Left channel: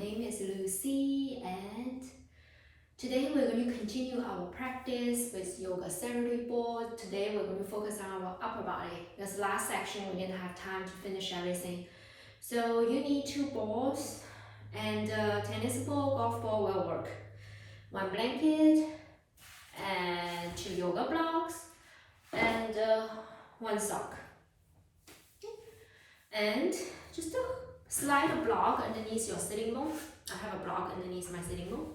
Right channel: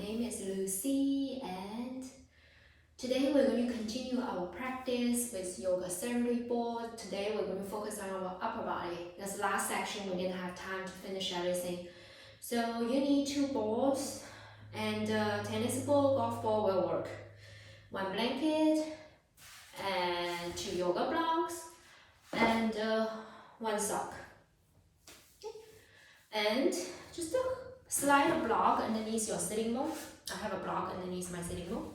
name is Lucy, and today we're going to continue our practice with yoga therapy board. Today we're going to focus on our upper body. This last section we didn't have time to finish everything. So you need 2 balls, and tennis ball, golf ball will work. 1 blanket, and 2 yoga blocks, and 1 sock. And just slide a block underneath your sitting bone. I have a block underneath my sitting bone.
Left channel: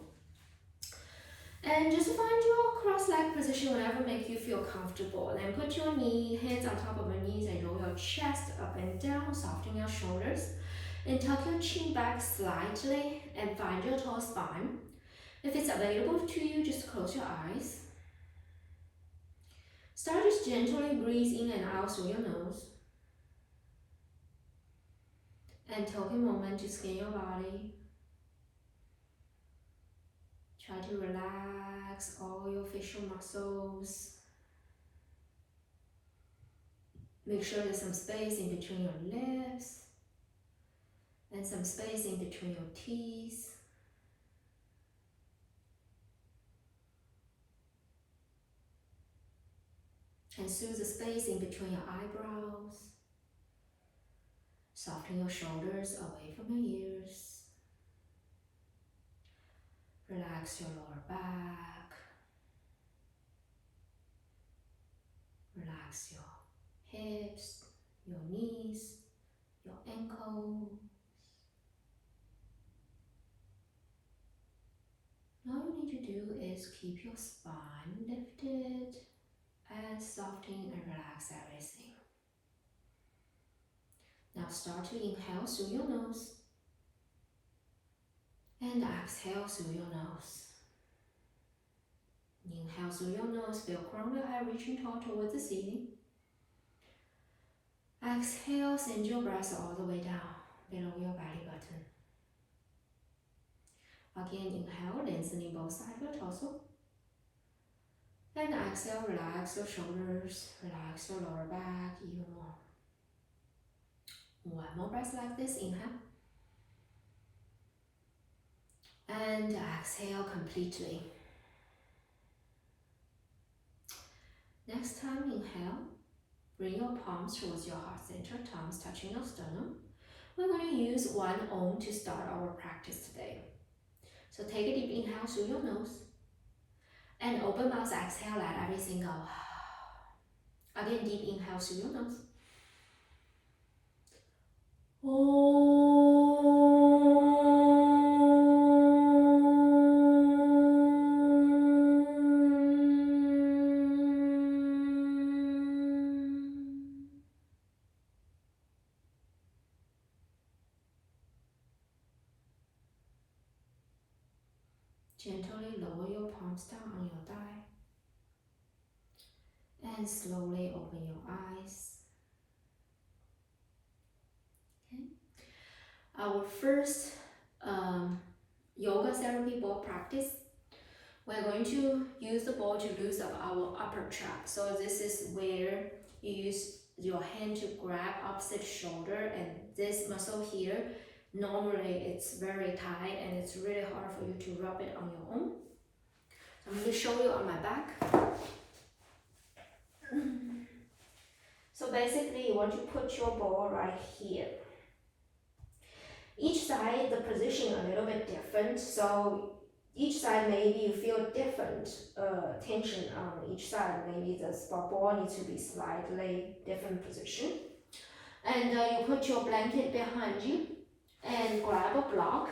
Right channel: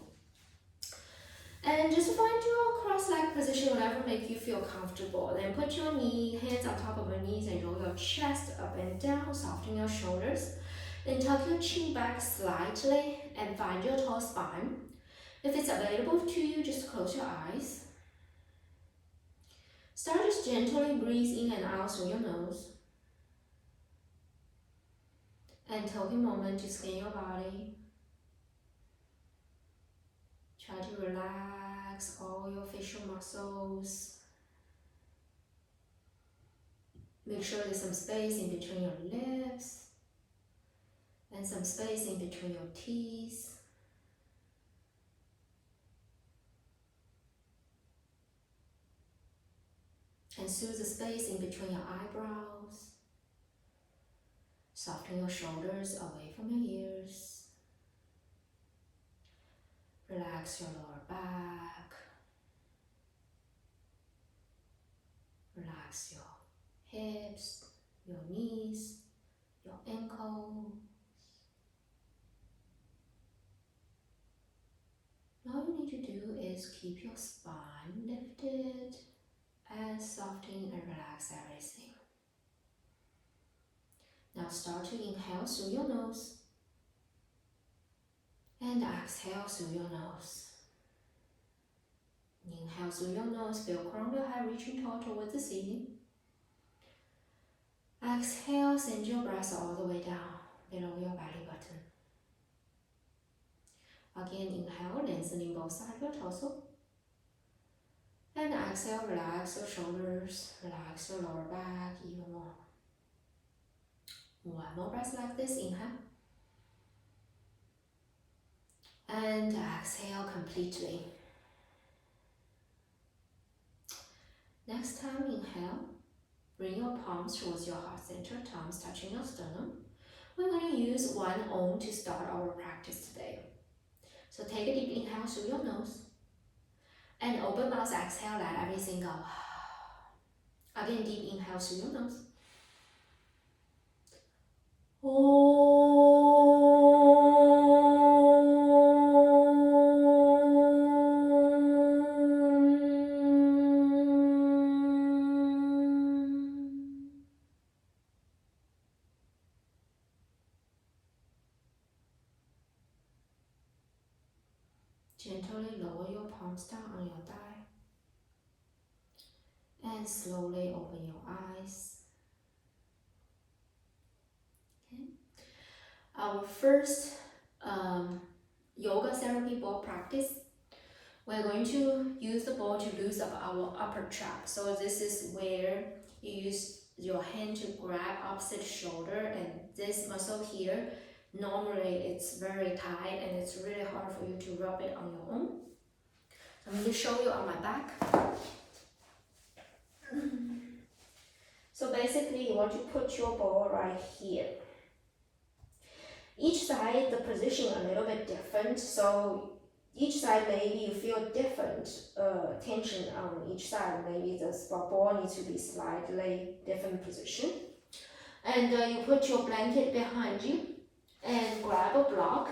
And just find your cross-leg position, whatever makes you feel comfortable. Then put your hands on top of your knees and roll your chest up and down, soften your shoulders. Then tuck your chin back slightly and find your tall spine. If it's available to you, just close your eyes. Start just gently breathe in and out through your nose. And take a moment to scan your body. Try to relax all your facial muscles. Make sure there's some space in between your lips and some space in between your teeth. And soothe the space in between your eyebrows. Soften your shoulders away from your ears. Relax your lower back. Relax your hips, your knees, your ankles. All you need to do is keep your spine lifted and soften and relax everything. Now start to inhale through your nose and exhale through your nose. Inhale through your nose, feel crown of your head reaching tall towards the ceiling. Exhale, send your breath all the way down below your belly button. Again, inhale, lengthening both sides of your torso. And exhale, relax your shoulders, relax your lower back even more. 1 more breath like this, inhale. And exhale completely. Next time, inhale. Bring your palms towards your heart center, thumbs touching your sternum. We're going to use 1 Om to start our practice today. So take a deep inhale through your nose. And open mouth, exhale, let everything go. Again, deep inhale through your nose. Gently lower your palms down on your thigh. And slowly open your eyes. Okay. Our first yoga therapy ball practice, we're going to use the ball to loosen up our upper trap. So this is where you use your hand to grab opposite shoulder, and this muscle here, normally it's very tight and it's really hard for you to rub it on your own. So I'm going to show you on my back. So basically you want to put your ball right here. Each side, the position a little bit different, so each side maybe you feel different tension on each side. Maybe the ball needs to be slightly different position. And you put your blanket behind you and grab a block.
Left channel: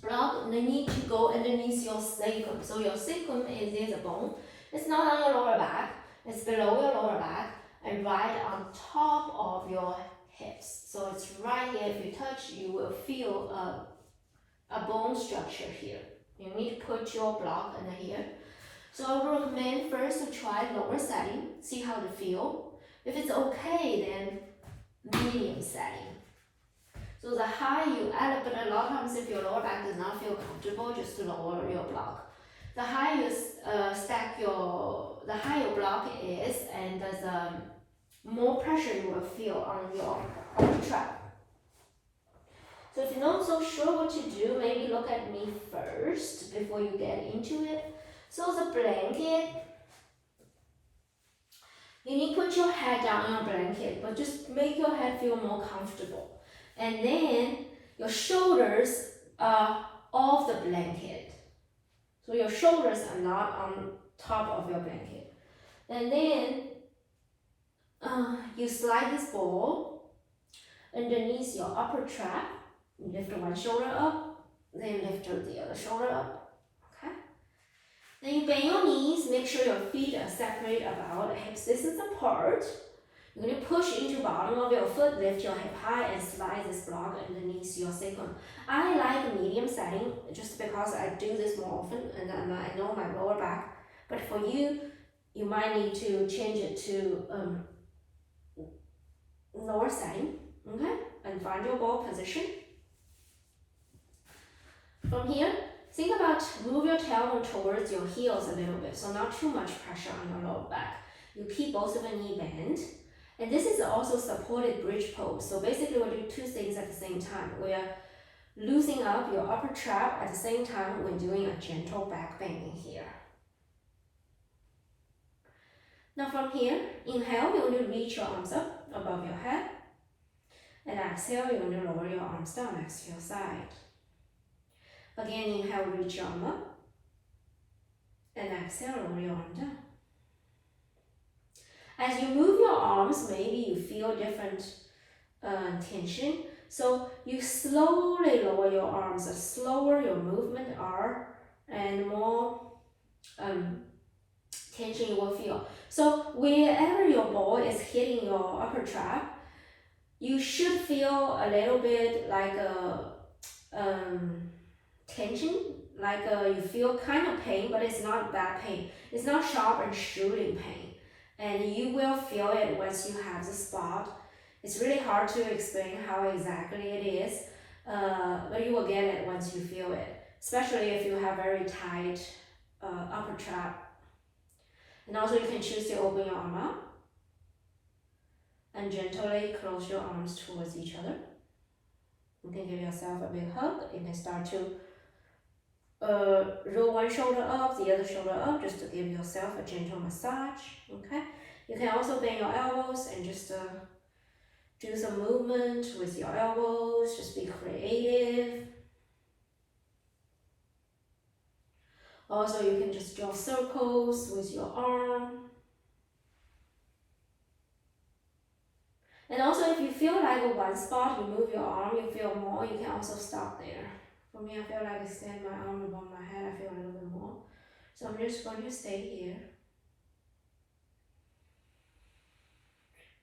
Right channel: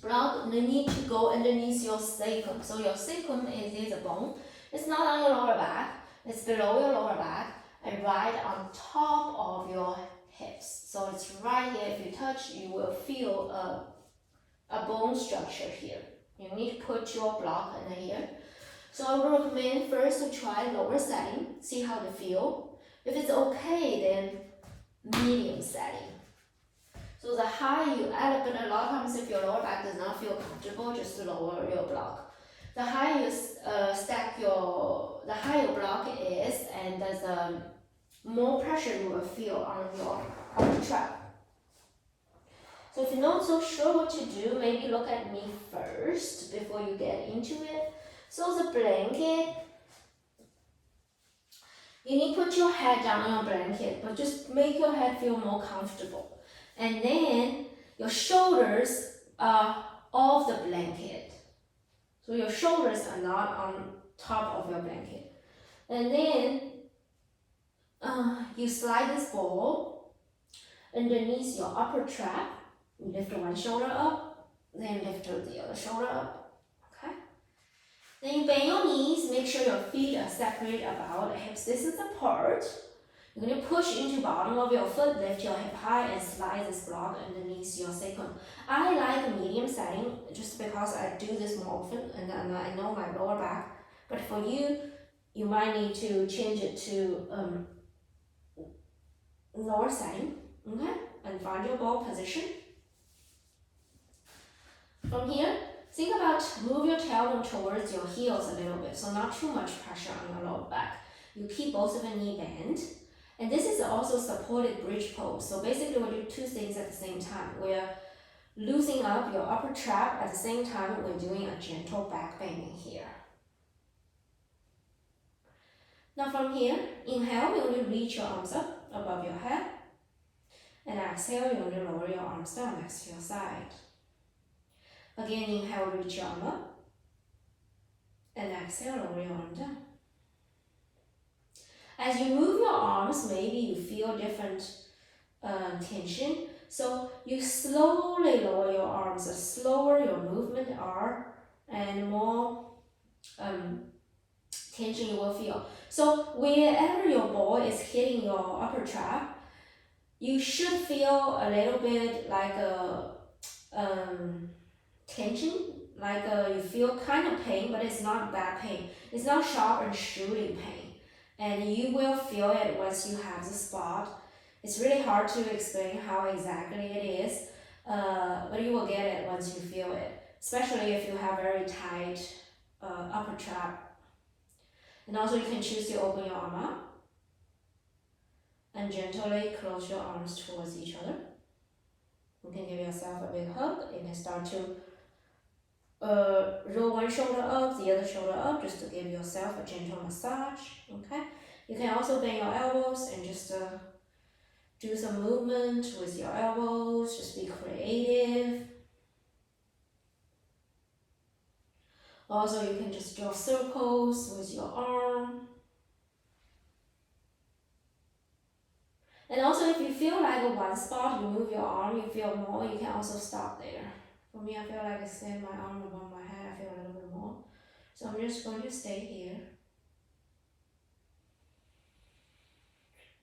Block need to go underneath your sacrum. So your sacrum is the bone. It's not on your lower back, it's below your lower back and right on top of your hips. So it's right here. If you touch, you will feel a bone structure here. You need to put your block under here. So I would recommend first to try lower setting, see how they feel. If it's okay, then medium setting. So the higher you add, but a lot of times if your lower back does not feel comfortable, just lower your block. The higher you the higher your block is, and the more pressure you will feel on your trap. So if you're not so sure what to do, maybe look at me first before you get into it. So the blanket, you need to put your head down on a blanket, but just make your head feel more comfortable. And then your shoulders are off the blanket. So your shoulders are not on top of your blanket. And then you slide this ball underneath your upper trap. You lift one shoulder up, then lift the other shoulder up. Okay? Then you bend your knees, make sure your feet are separated about hip distance apart. You're going to push into bottom of your foot, lift your hip high, and slide this block underneath your sacrum. I like a medium setting just because I do this more often, and then I know my lower back. But for you, you might need to change it to lower setting, okay? And find your ball position. From here, think about move your tailbone towards your heels a little bit, so not too much pressure on your lower back. You keep both of the knee bent. And this is also supported bridge pose. So basically we're doing two things at the same time. We're loosening up your upper trap at the same time we're doing a gentle back bending here. Now from here, inhale, you're going to reach your arms up above your head. And exhale, you're going to lower your arms down next to your side. Again, inhale, reach your arm up. And exhale, lower your arm down. As you move your arms, maybe you feel different tension. So you slowly lower your arms. The slower your movement are, and more tension you will feel. So wherever your ball is hitting your upper trap, you should feel a little bit like a tension, like you feel kind of pain, but it's not bad pain. It's not sharp and shooting pain. And you will feel it once you have the spot. It's really hard to explain how exactly it is, but you will get it once you feel it, especially if you have very tight upper trap. And also you can choose to open your arm up and gently close your arms towards each other. You can give yourself a big hug. You can start to roll one shoulder up, the other shoulder up, just to give yourself a gentle massage. Okay. You can also bend your elbows and just do some movement with your elbows. Just be creative. Also, you can just draw circles with your arm. And also, if you feel like at one spot, you move your arm, you feel more, you can also stop there. For me, I feel like I extend my arm above my head, I feel a little bit more. So I'm just going to stay here.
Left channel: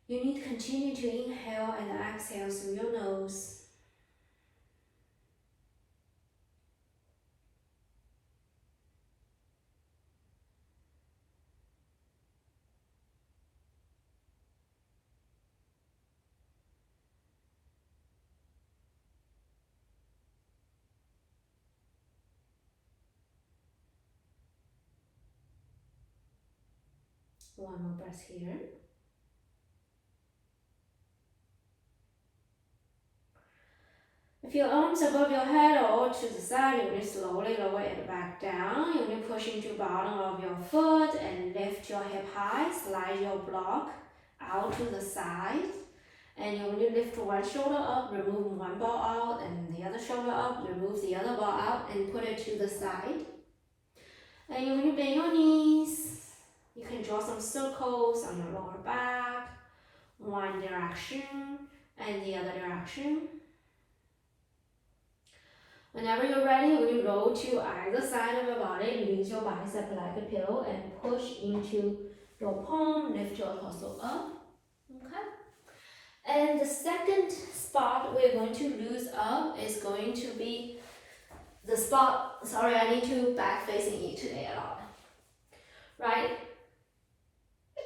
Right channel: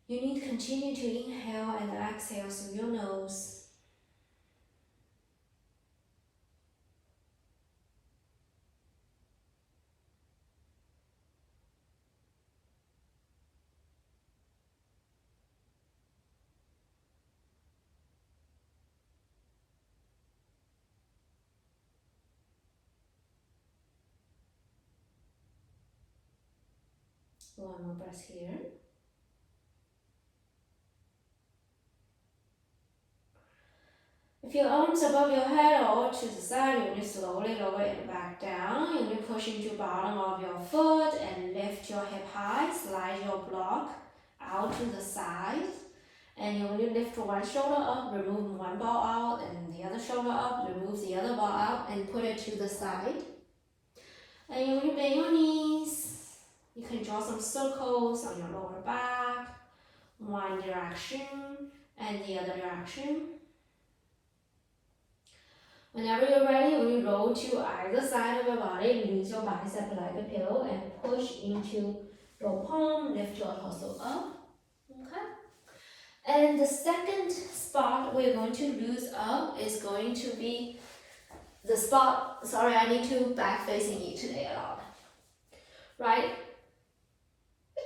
You need to continue to inhale and exhale through your nose. One more breath here. If your arms above your head or to the side, you're going to slowly lower it back down. You're going to push into bottom of your foot and lift your hip high. Slide your block out to the side. And you're going to lift one shoulder up, remove one ball out, and the other shoulder up, remove the other ball out, and put it to the side. And you're going to bend your knees. You can draw some circles on your lower back, one direction and the other direction. Whenever you're ready, we roll to either side of your body, use your bicep like a pillow, and push into your palm, lift your torso up. Okay? And the second spot we're going to lose up is going to be the spot, sorry, I need to back facing you today a lot. Right?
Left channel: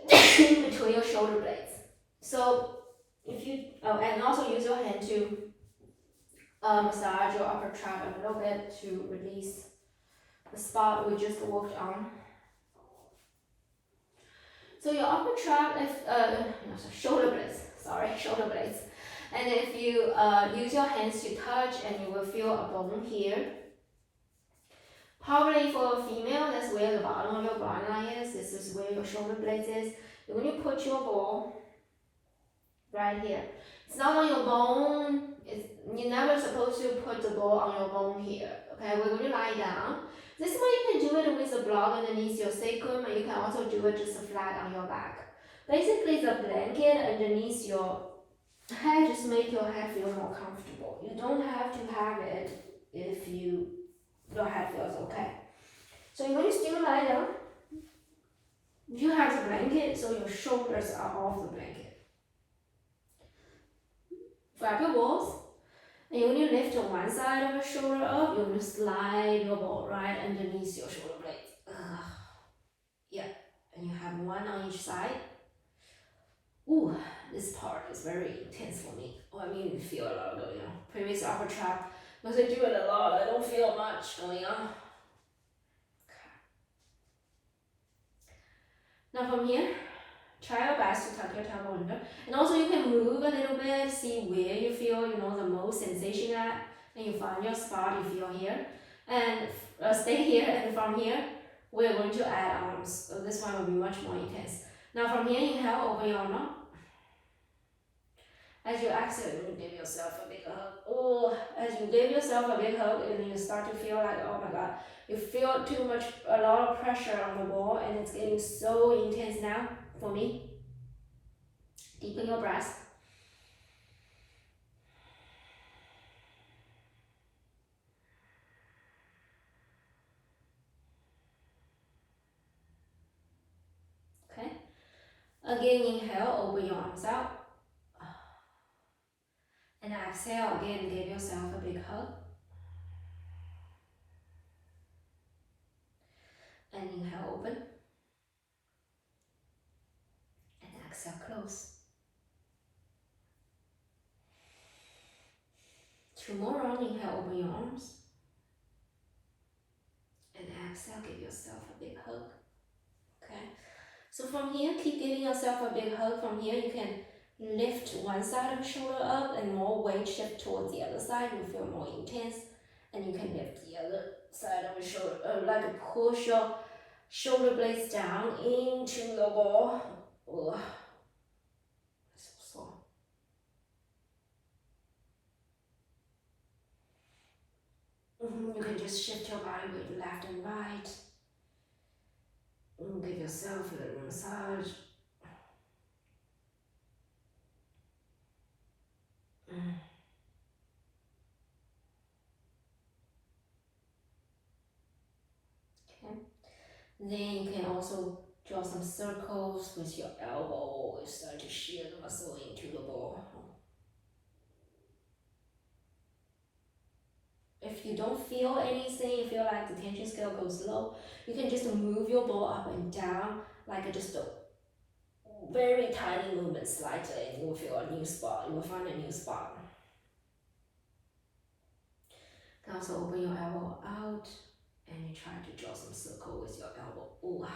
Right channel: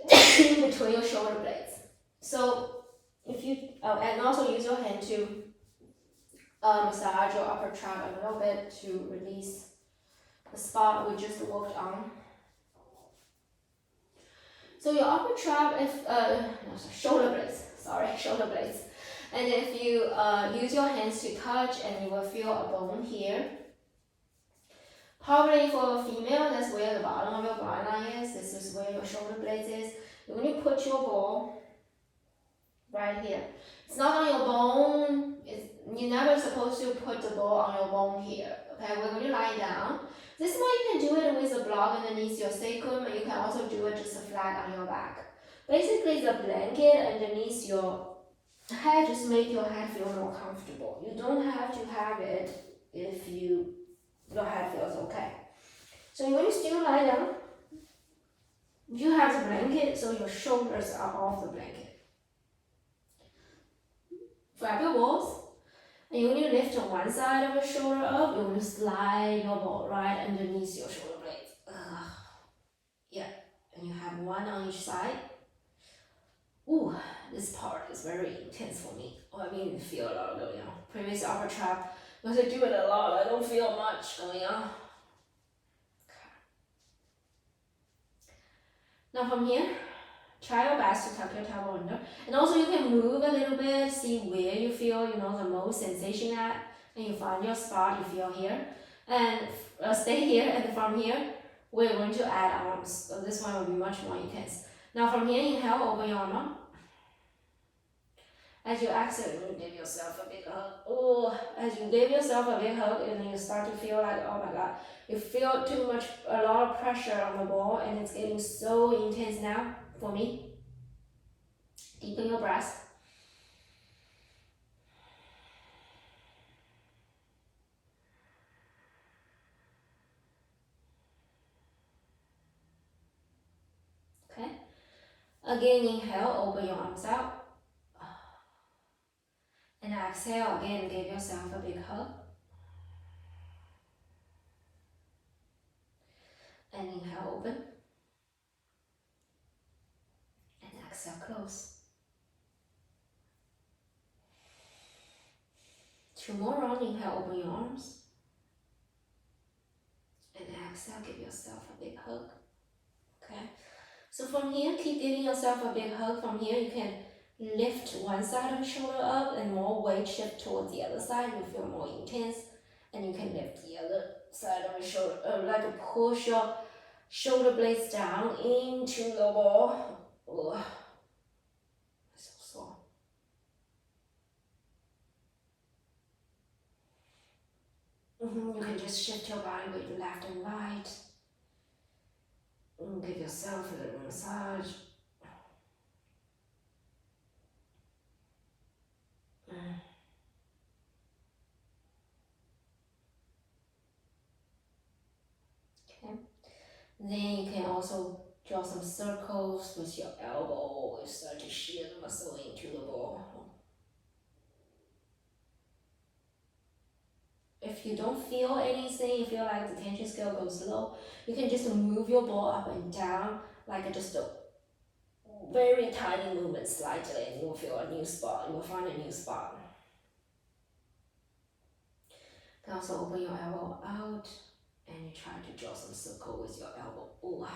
Between your shoulder blades. So if you, and also use your hand to massage your upper trap a little bit to release the spot we just worked on. So your upper trap, shoulder blades. And if you use your hands to touch, and you will feel a bone here. Probably for a female, that's where the bottom of your groin line is. This is where your shoulder blades is. When you put your ball right here, it's not on your bone. You're never supposed to put the ball on your bone here. Okay, we're going to lie down. This way you can do it with a block underneath your sacrum, and you can also do it just flat on your back. Basically, the blanket underneath your head just make your head feel more comfortable. You don't have to have it if your head feels okay. So you're going to still lie down. You have the blanket, so your shoulders are off the blanket. Grab your balls, and you're going to lift on one side of your shoulder up. You're going to slide your ball right underneath your shoulder blades. Yeah, and you have one on each side. Ooh, this part is very intense for me. Oh, I mean, feel a lot going on. Previous upper trap, because I do it a lot, I don't feel much going on. Now from here, try your best to tuck your tail under. And also you can move a little bit, see where you feel, the most sensation at. And you find your spot you feel here. And stay here, and from here, we're going to add arms. So this one will be much more intense. Now from here, inhale, open your arm up. As you exhale, you give yourself a big hug. Oh, as you give yourself a big hug, and then you start to feel like, oh my God, you feel a lot of pressure on the ball, and it's getting so intense now for me. Deepen your breath. Okay. Again, inhale, open your arms out. And exhale, again, give yourself a big hug. And inhale, open. And exhale, close. 2 more rounds, inhale, open your arms. And exhale, give yourself a big hug. Okay. So from here, keep giving yourself a big hug. From here, you can lift one side of the shoulder up and more weight shift towards the other side. You feel more intense. And you can lift the other side of the shoulder, like push your shoulder blades down into your ball. Ugh. So sore. You can just shift your body weight left and right. And give yourself a little massage. Okay. Then you can also draw some circles with your elbow. You start to shear the muscle into the ball. If you don't feel anything, you feel like the tension scale goes low, you can just move your ball up and down like just a very tiny movement slightly, and you'll feel a new spot. You'll find a new spot. You can also open your elbow out, and you try to draw some circle with your elbow. Ooh.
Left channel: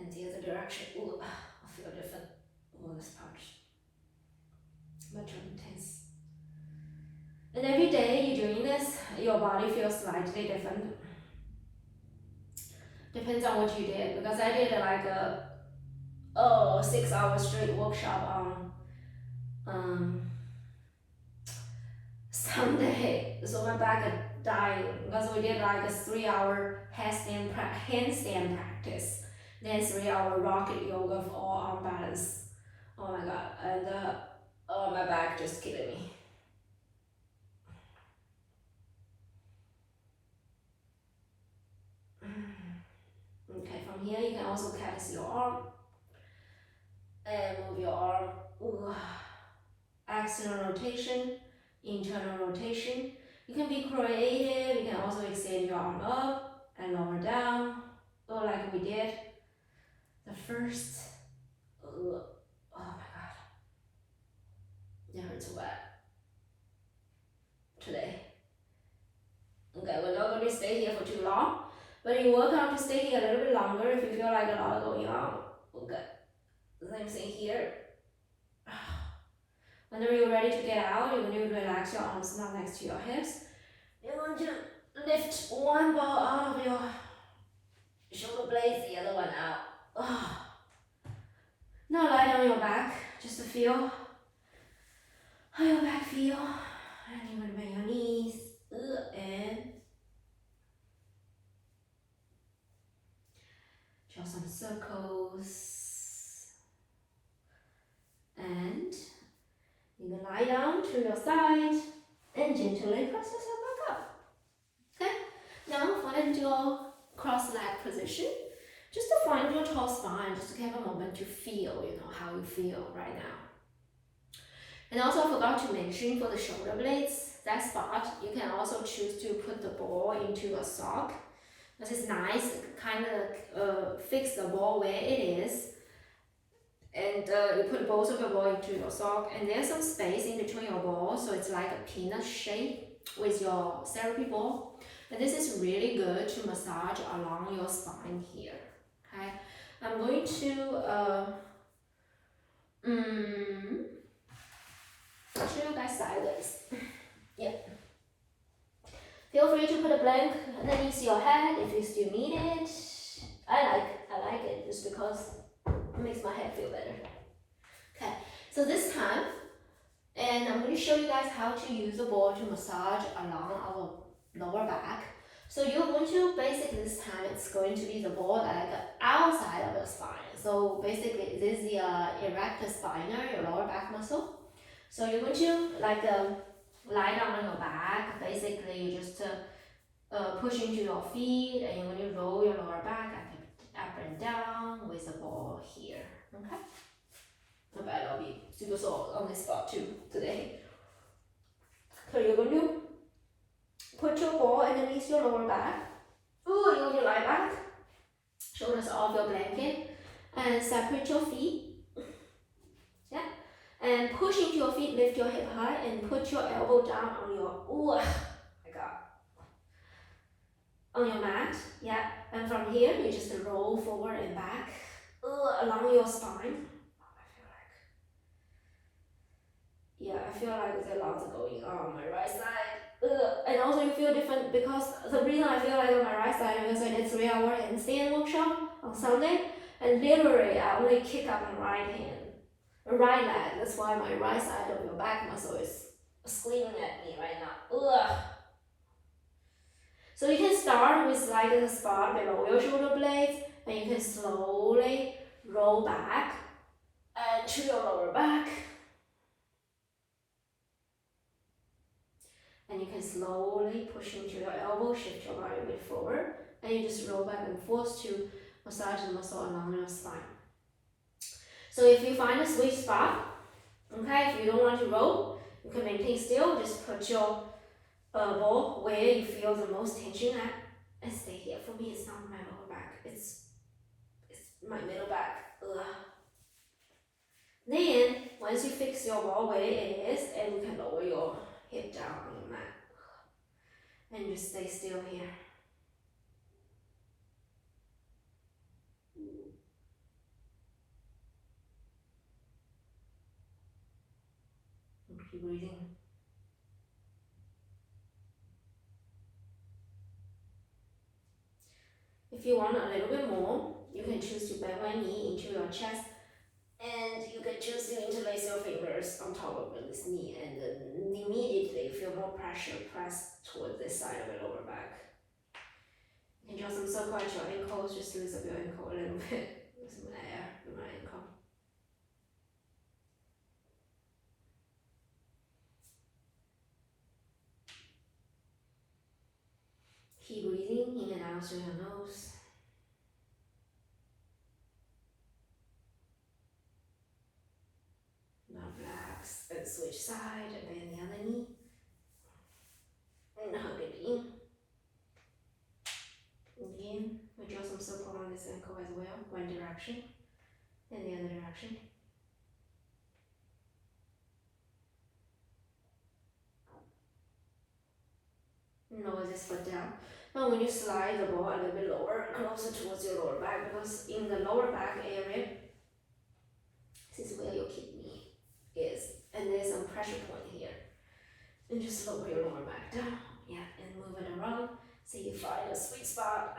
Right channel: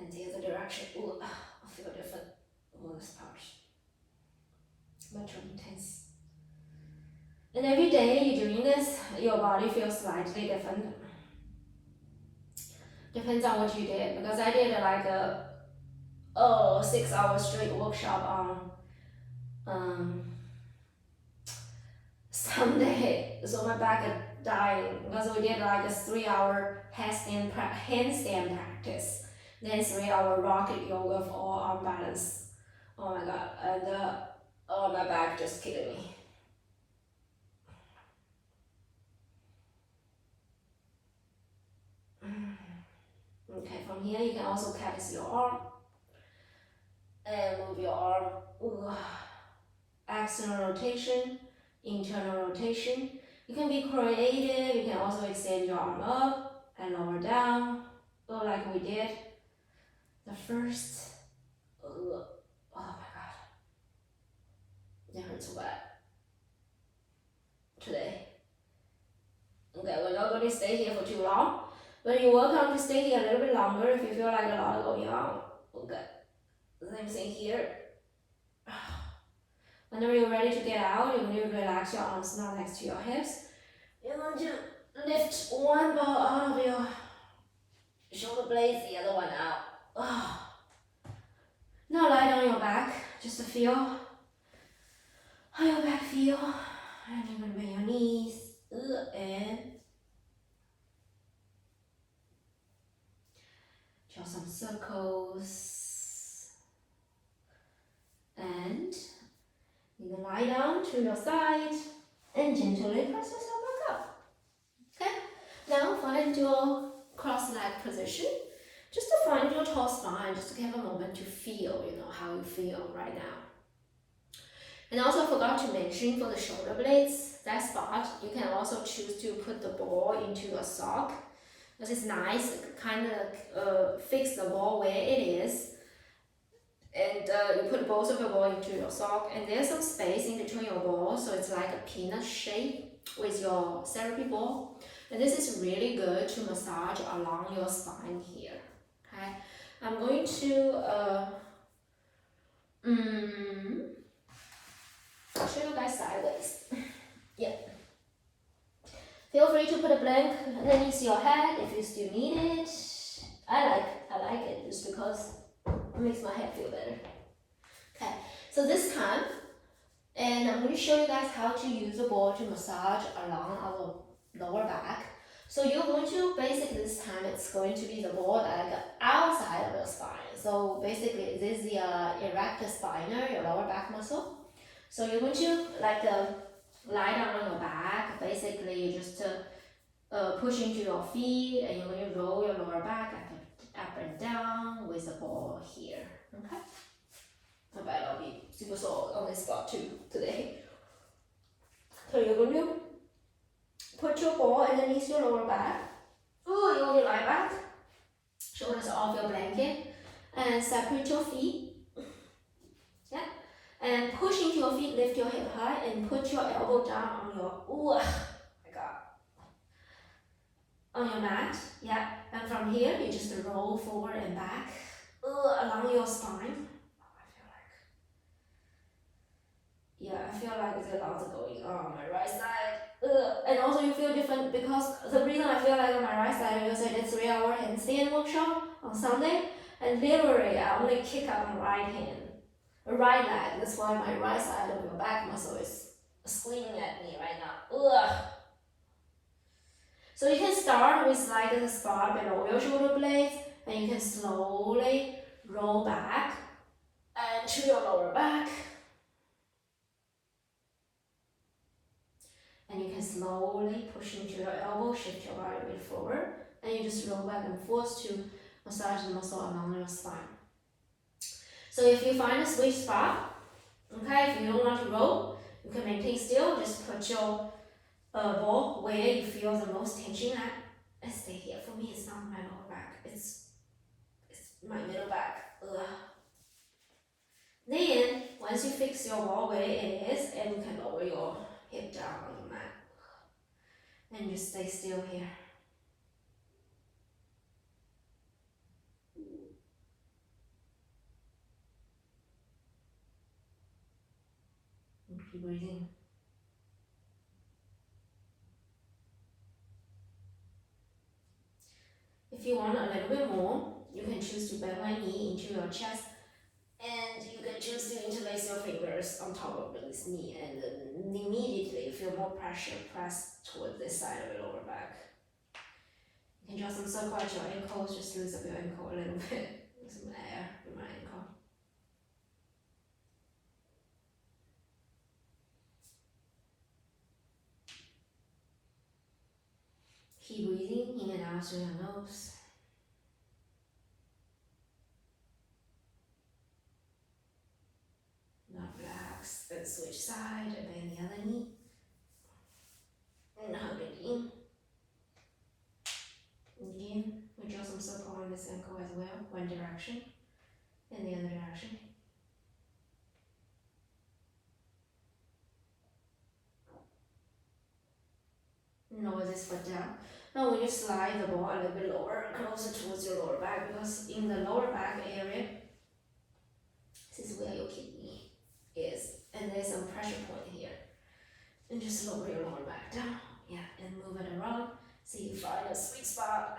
And the other direction. Ooh, I feel different on this part. Much more intense. And every day you're doing this, your body feels slightly different. Depends on what you did, because I did like a 6-hour straight workshop on Sunday, so my back is dying because we did like a 3-hour handstand practice, then 3-hour rocket yoga for all arm balance. Oh my God, and my back just killing me. Okay, from here you can also callus your arm and move your arm. Ooh. External rotation, internal rotation. You can be creative. You can also extend your arm up and lower down, like we did the first. Oh my God. It hurts what? Today. Okay, we're not going to stay here for too long. But you work on to stay here a little bit longer if you feel like a lot going on. Okay. Same thing here. Whenever you're ready to get out, you're going to relax your arms now next to your hips. You're going to lift one ball out of your shoulder blades, the other one out. Now lie on your back, just to feel how your back feel. And you're going to bend your knees and draw some circles. And you can lie down to your side and gently press yourself back up. Okay? Now find your cross leg position. Just to find your tall spine, just to have a moment to feel, how you feel right now. And also I forgot to mention for the shoulder blades, that spot, you can also choose to put the ball into a sock. This is nice, kind of fix the ball where it is. And you put both of your ball into your sock, and there's some space in between your balls, so it's like a peanut shape with your therapy ball. And this is really good to massage along your spine here. Okay, I'm going to show you guys sideways. Yeah. Feel free to put a blank underneath your head if you still need it. I like it just because it makes my head feel better. Okay, so this time, and I'm going to show you guys how to use the ball to massage along our lower back. So you're going to, basically this time it's going to be the ball like outside of your spine. So basically this is the erector spinae, your lower back muscle. So you're going to like lie down on your back. Basically you just push into your feet, and you're going to roll your lower back up and down with the ball here. Okay? I bet I'll be super sore on this spot too today. So you're going to put your ball underneath your lower back. You're going to lie back, shoulders off your blanket, and separate your feet. Yeah, and push into your feet, lift your hip high, and put your elbow down on your on your mat. Yeah, and from here you just roll forward and back along your spine. I feel like there's lots going on my right side. And also you feel different because the reason I feel like on my right side is I did 3-hour handstand workshop on Sunday, and literally I only kick up my right leg. That's why my right side of your back muscle is screaming at me right now. So you can start with like the spot below your shoulder blades, and you can slowly roll back and to your lower back. And you can slowly push into your elbow, shift your body a bit forward, and you just roll back and forth to massage the muscle along your spine. So if you find a sweet spot, okay, if you don't want to roll, you can maintain still, just put your ball where you feel the most tension at, and stay here. For me, it's not my lower back, it's my middle back. Then, once you fix your ball where it is, and you can lower your hip down on your mat, and just stay still here. And keep breathing. If you want a little bit more, you can choose to bend one knee into your chest, and you can choose to interlace your fingers on top of this knee, and immediately feel more pressure pressed towards this side of your lower back. You can draw some circle at your ankles, just loosen up your ankle a little bit with some air in my ankle. Keep breathing in and out through your nose. Now relax and switch side, and bend the other knee. And hug it in. Again, we draw some circle on this ankle as well, one direction and the other direction. lower this foot down. Now when you slide the ball a little bit lower, closer towards your lower back, because in the lower back area, this is where your kidney is, and there's some pressure point here. And just lower your lower back down, yeah, and move it around, so you find a sweet spot.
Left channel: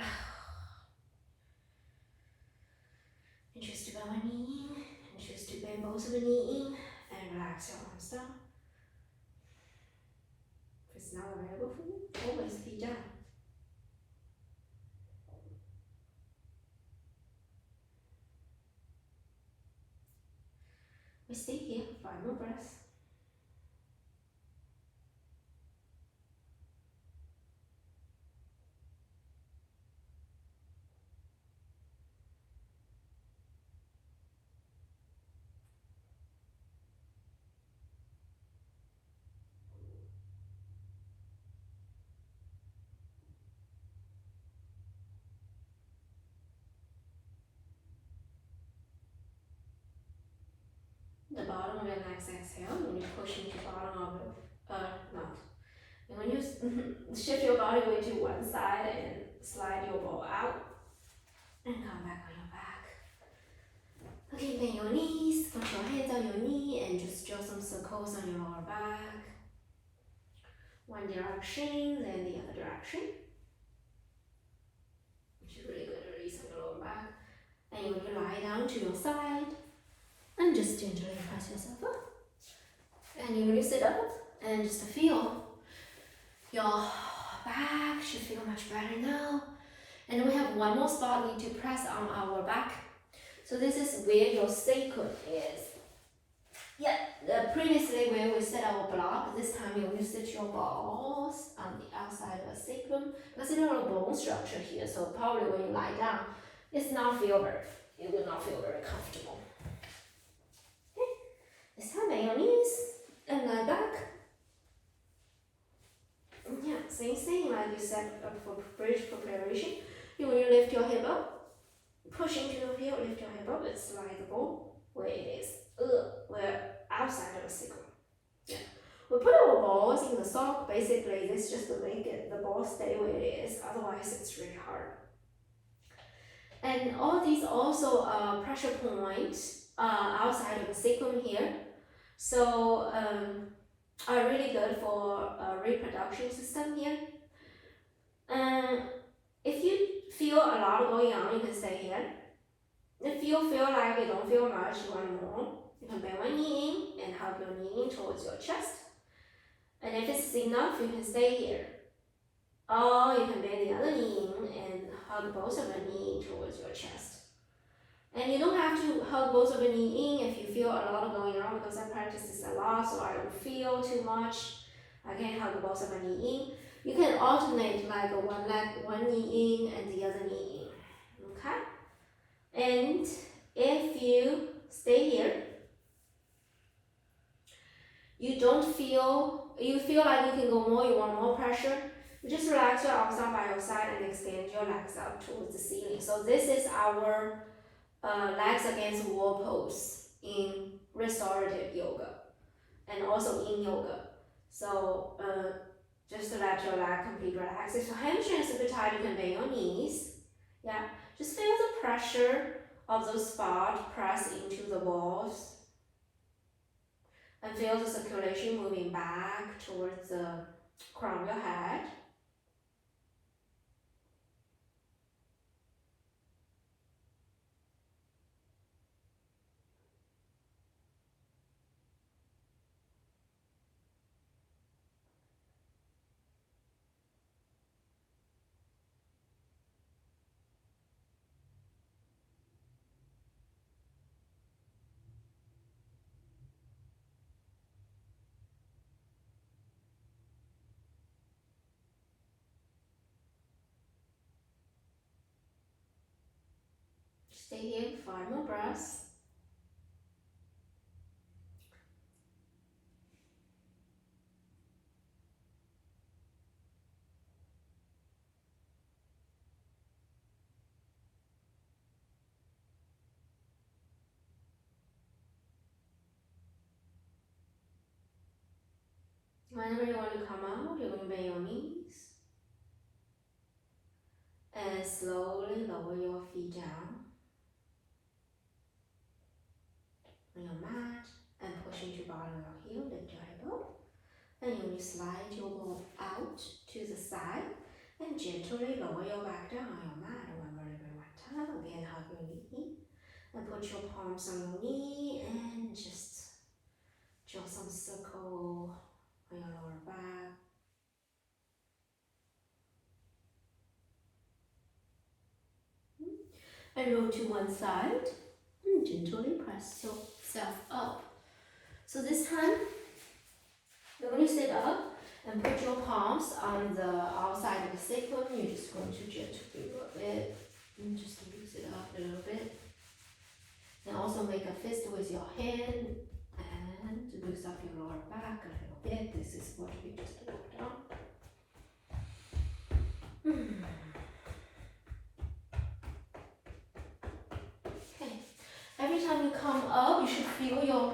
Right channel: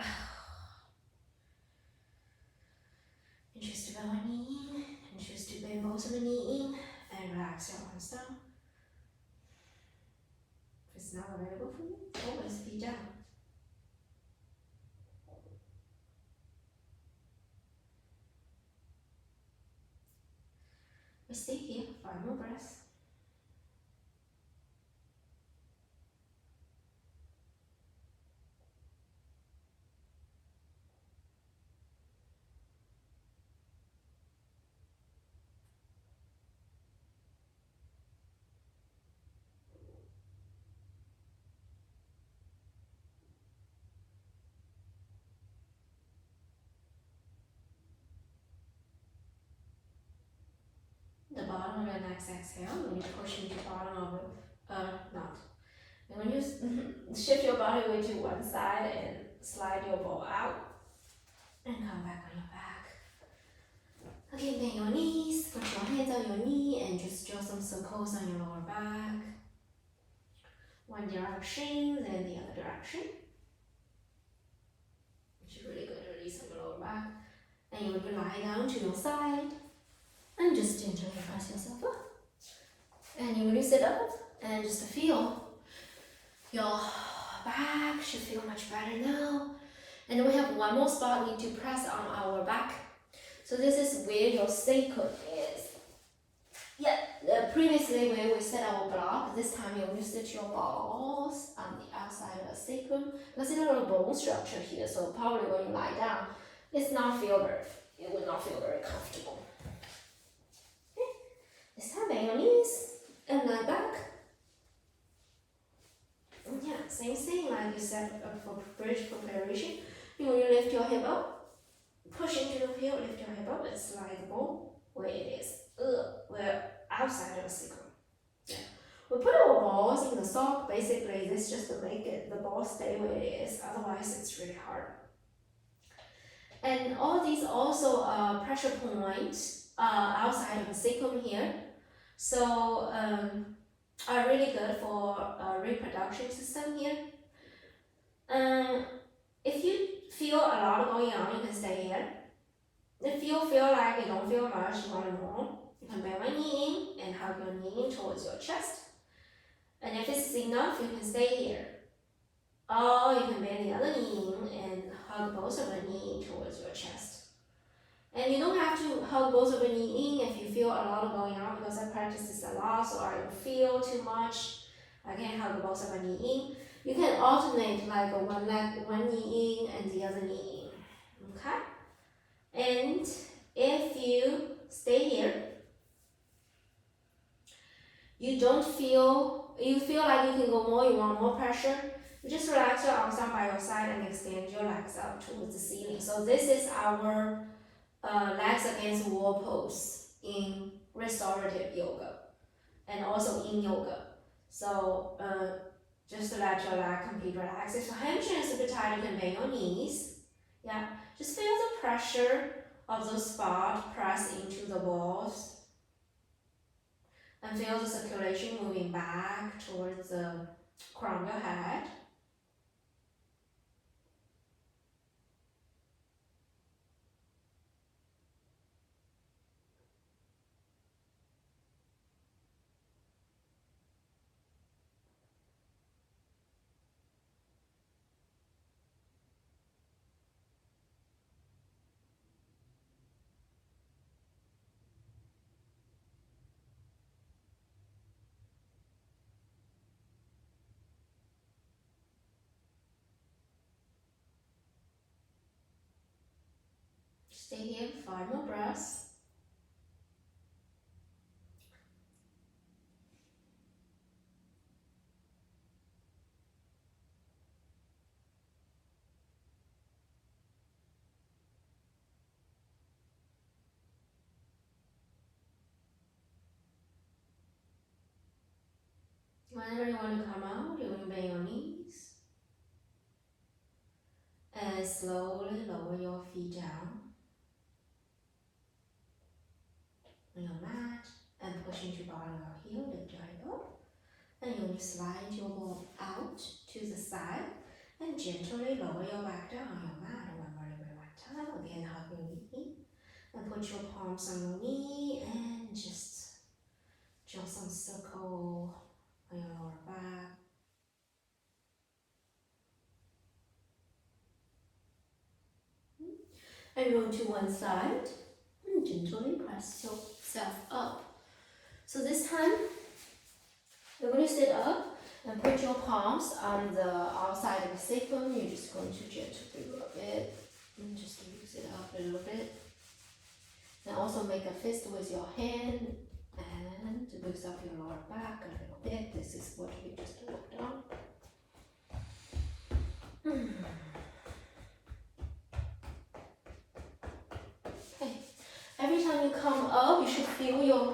And choose to bow a knee in, and choose to bend both of the knee in, and relax your arms down. If it's not available for you, always feet down. We stay here, 5 more breaths. The bottom of your next exhale, when you push into the bottom of your, not. And when you shift your body weight to one side and slide your ball out, and come back on your back. Okay, bend your knees, put your hands on your knee, and just draw some circles on your lower back. One direction, then the other direction. Which is really good release on your lower back. And you can lie down to your side. And just gently press yourself up. And you will sit up and just feel your back should feel much better now. And we have one more spot we need to press on our back. So this is where your sacrum is. Yeah, previously where we set our block, this time you will sit your balls on the outside of the sacrum. Because it's a little bone structure here, so probably when you lie down, it will not feel very comfortable. This time, bend your knees and lie back. Yeah, same thing like you said for bridge preparation. You want to lift your hip up, push into the heel, lift your hip up, and slide the ball where it is. Where outside of the sacrum. Yeah. We put our balls in the sock. Basically, this just to make the ball stay where it is. Otherwise, it's really hard. And all these also pressure points outside of the sacrum here. So are really good for reproduction system here. If you feel a lot going on, you can stay here. If you feel like you don't feel much, one more. You can bend one knee in and hug your knee in towards your chest. And if it's enough, you can stay here. Or you can bend the other knee in and hug both of the knee towards your chest. And you don't have to hug both of the knee in if you feel a lot going on, because I practice this a lot, so I don't feel too much. I can hug both of the knee in. You can alternate like one knee in and the other knee in. Okay? And if you stay here, you feel like you can go more, you want more pressure, you just relax your arms down by your side and extend your legs out towards the ceiling. So this is our legs against wall pose in restorative yoga and also in yoga. So just to let your leg completely relax. If your hamstring is a bit tight, you can bend your knees. Yeah, just feel the pressure of the spot press into the balls. And feel the circulation moving back towards the crown of your head. Stay here, 5 more breaths. Whenever you want to come out, you're going to bend your knees. And slowly lower your feet down on your mat and push into bottom of your heel, lift your hip up. And you will slide your ball out to the side and gently lower your back down on your mat one more time. Again, hug your knee and put your palms on your knee and just draw some circle on your lower back. And roll to one side and gently press yourself up. So this time, you're going to sit up and put your palms on the outside of the sacrum. You're just going to gently rub it and just loose it up a little bit. And also make a fist with your hand and loose up your lower back a little bit. This is what we just worked on. Okay. Every time you come up, you should feel your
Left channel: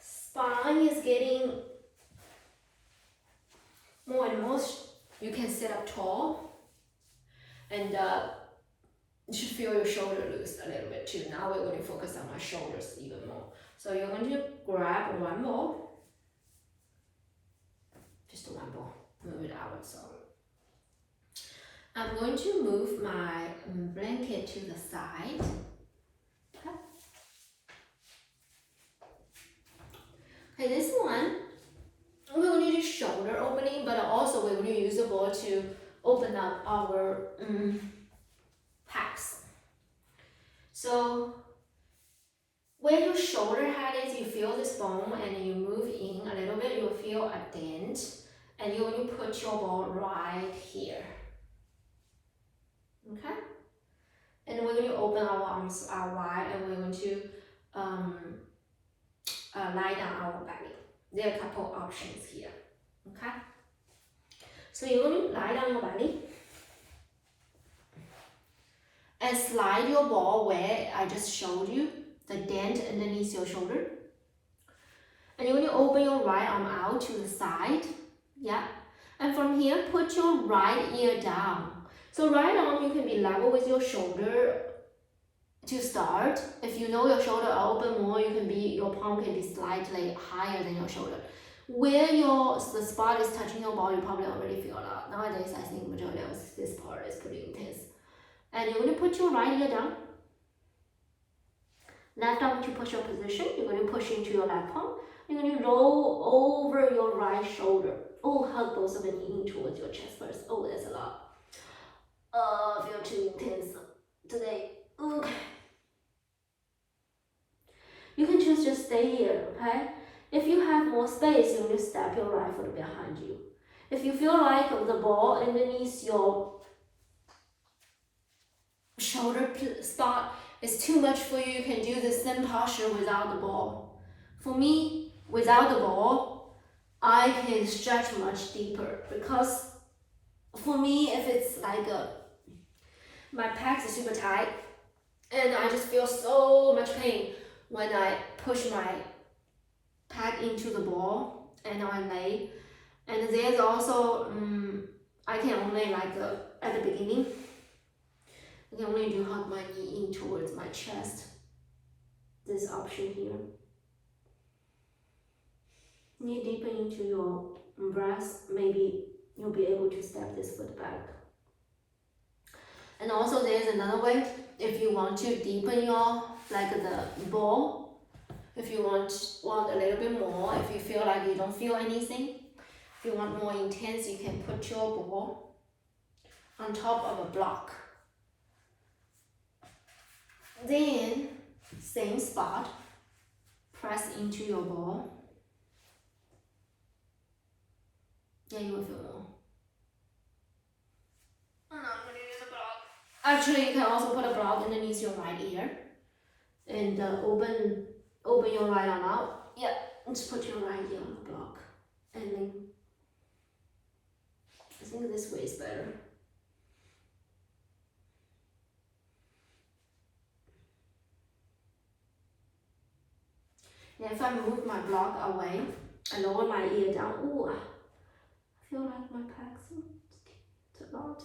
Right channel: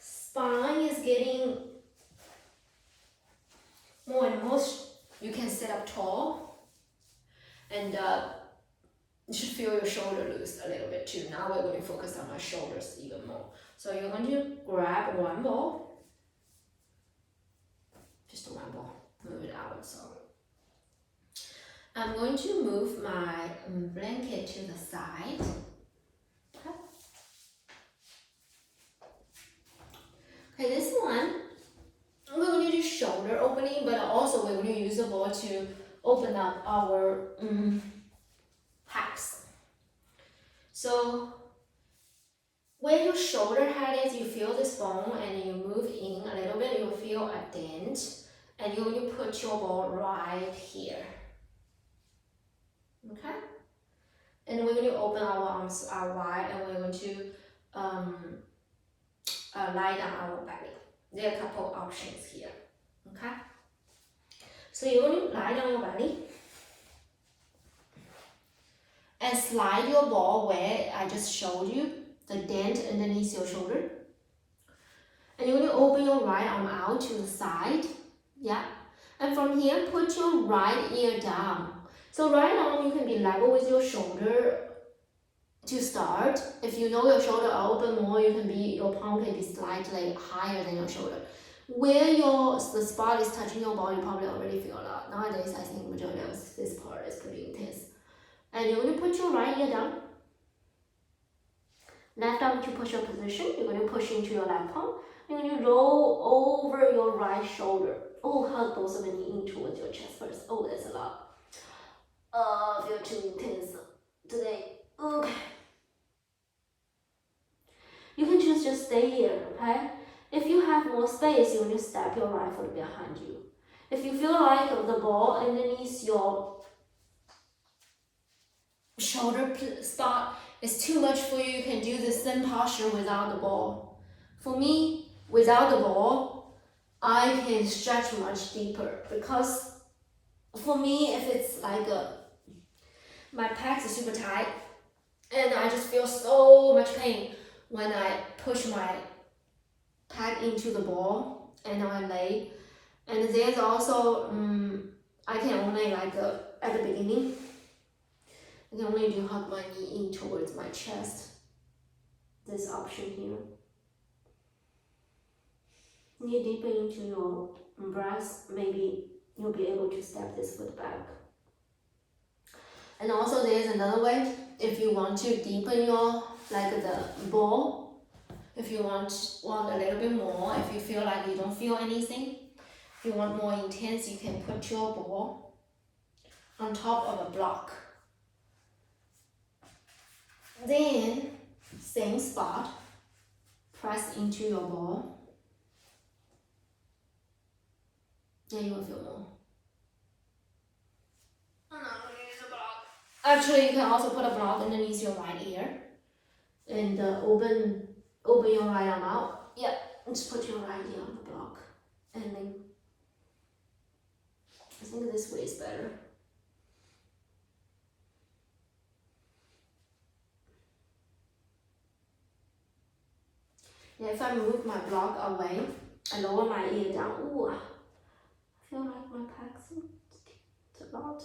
spine is getting more and more. You can sit up tall, and you should feel your shoulder loose a little bit too. Now we're going to focus on our shoulders even more. So you're going to grab one ball, just one ball, move it out. So I'm going to move my blanket to the side. Okay, this one, we're going to do shoulder opening, but also we're going to use the ball to open up our pecs. So where your shoulder head is, you feel this bone and you move in a little bit, you'll feel a dent, and you're going to put your ball right here. Okay? And we're going to open our arms out wide, and we're going to lie down our belly. There are a couple options here. Okay? So you're going to lie down your belly and slide your ball where I just showed you, the dent underneath your shoulder. And you're going to open your right arm out to the side. Yeah. And from here, put your right ear down. So right arm, you can be level with your shoulder to start. If you know your shoulder are open more, your palm can be slightly higher than your shoulder. Where the spot is touching your ball, you probably already feel a lot. Nowadays, I think majority of this part is pretty intense. And you're going to put your right ear down. Left arm to push your position. You're going to push into your left palm. You're going to roll over your right shoulder. Oh, hug both of the knee in towards your chest first. Oh, that's a lot. I feel too intense today. Okay. You can choose just stay here, okay? If you have more space, you will step your right foot behind you. If you feel like the ball underneath your shoulder spot is too much for you, you can do the same posture without the ball. For me, without the ball, I can stretch much deeper, because for me, if it's like my pecs are super tight and I just feel so much pain when I push my pec into the ball and I lay. And there's also, I can only at the beginning, I can only hug my knee in towards my chest. This option here. Knee deeper into your breath, maybe you'll be able to step this foot back. And also there's another way, if you want to deepen your, the ball, if you want a little bit more, if you feel like you don't feel anything, if you want more intense, you can put your ball on top of a block. Then, same spot, press into your ball. Yeah, you will feel more. I'm not going to use a block. Actually, you can also put a block underneath your right ear and open your right arm out. Yeah, just put your right ear on the block. And then, I think this way is better. Yeah, if I move my block away, I lower my ear down. Ooh, I feel like my pecs, it's a lot.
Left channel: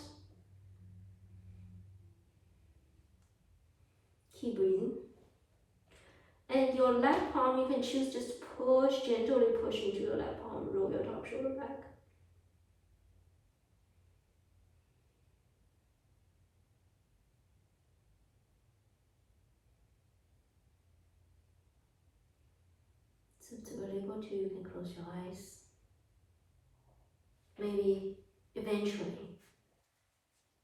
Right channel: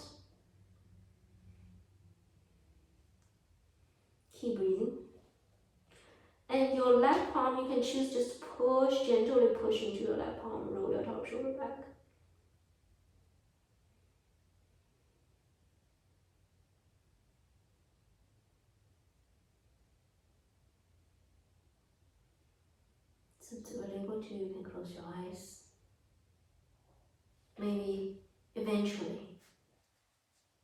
palm, you can choose just push, gently push into your left palm, roll your top shoulder back. So to be able to, you can close your eyes. Maybe eventually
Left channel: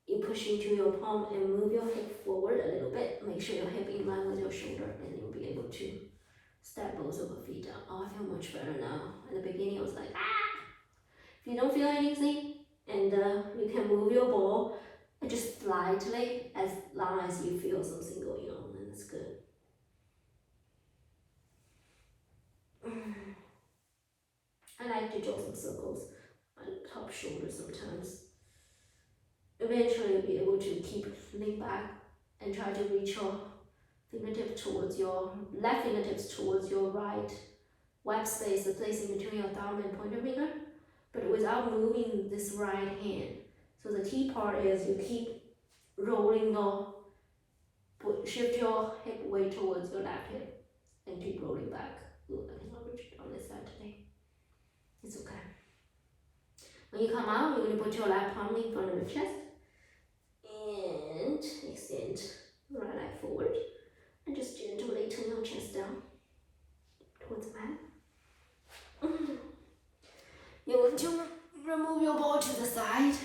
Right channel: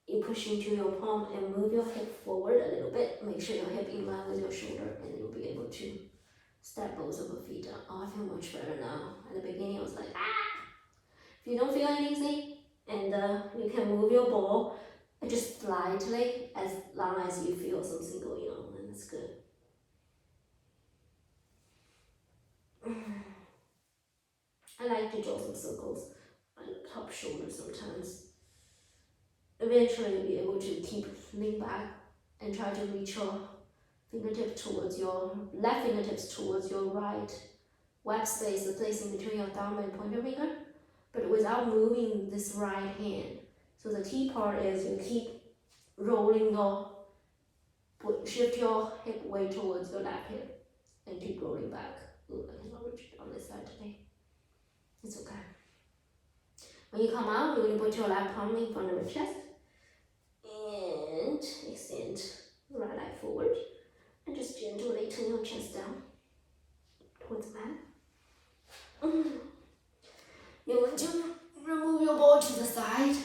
you push into your palm and move your hip forward a little bit. Make sure your hip in line with your shoulder, and you'll be able to step both of your feet up. Oh, I feel much better now. At the beginning, I was like, ah! If you don't feel anything, and you can move your ball just slightly, as long as you feel something going on, then that's good. I like to draw some circles on the top shoulder sometimes. Eventually, you'll be able to keep lean back and try to reach your fingertips towards your left fingertips towards your right web space, the place in between your thumb and pointer finger, but without moving this right hand. So the key part is you keep rolling your, shift your hip weight towards your left hip and keep rolling back. Ooh, I cannot reach it on this side today. It's okay. When you come out, you're going to put your left palm in front of your chest and extend right leg forward and just gently turn your chest down towards the mat. You're going to remove your ball to the side.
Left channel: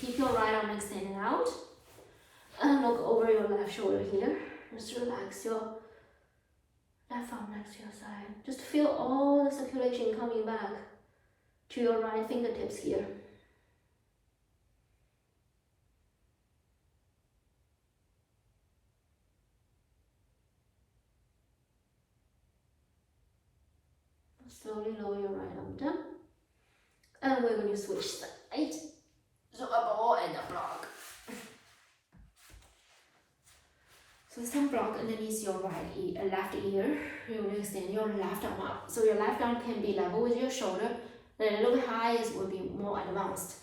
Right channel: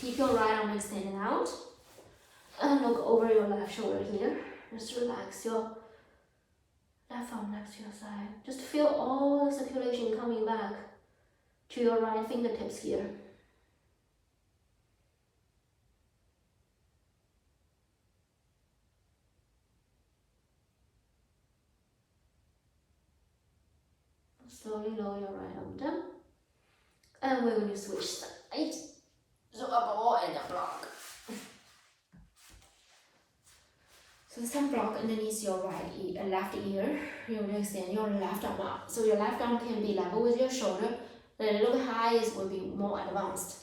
Keep your right arm extended out and look over your left shoulder here. Just relax your left arm next to your side. Just feel all the circulation coming back to your right fingertips here. Slowly lower your right arm down. And we're going to switch sides. So a ball and a block. So some block underneath your left ear. You're going to extend your left arm up. So your left arm can be level with your shoulder. The little bit high will be more advanced.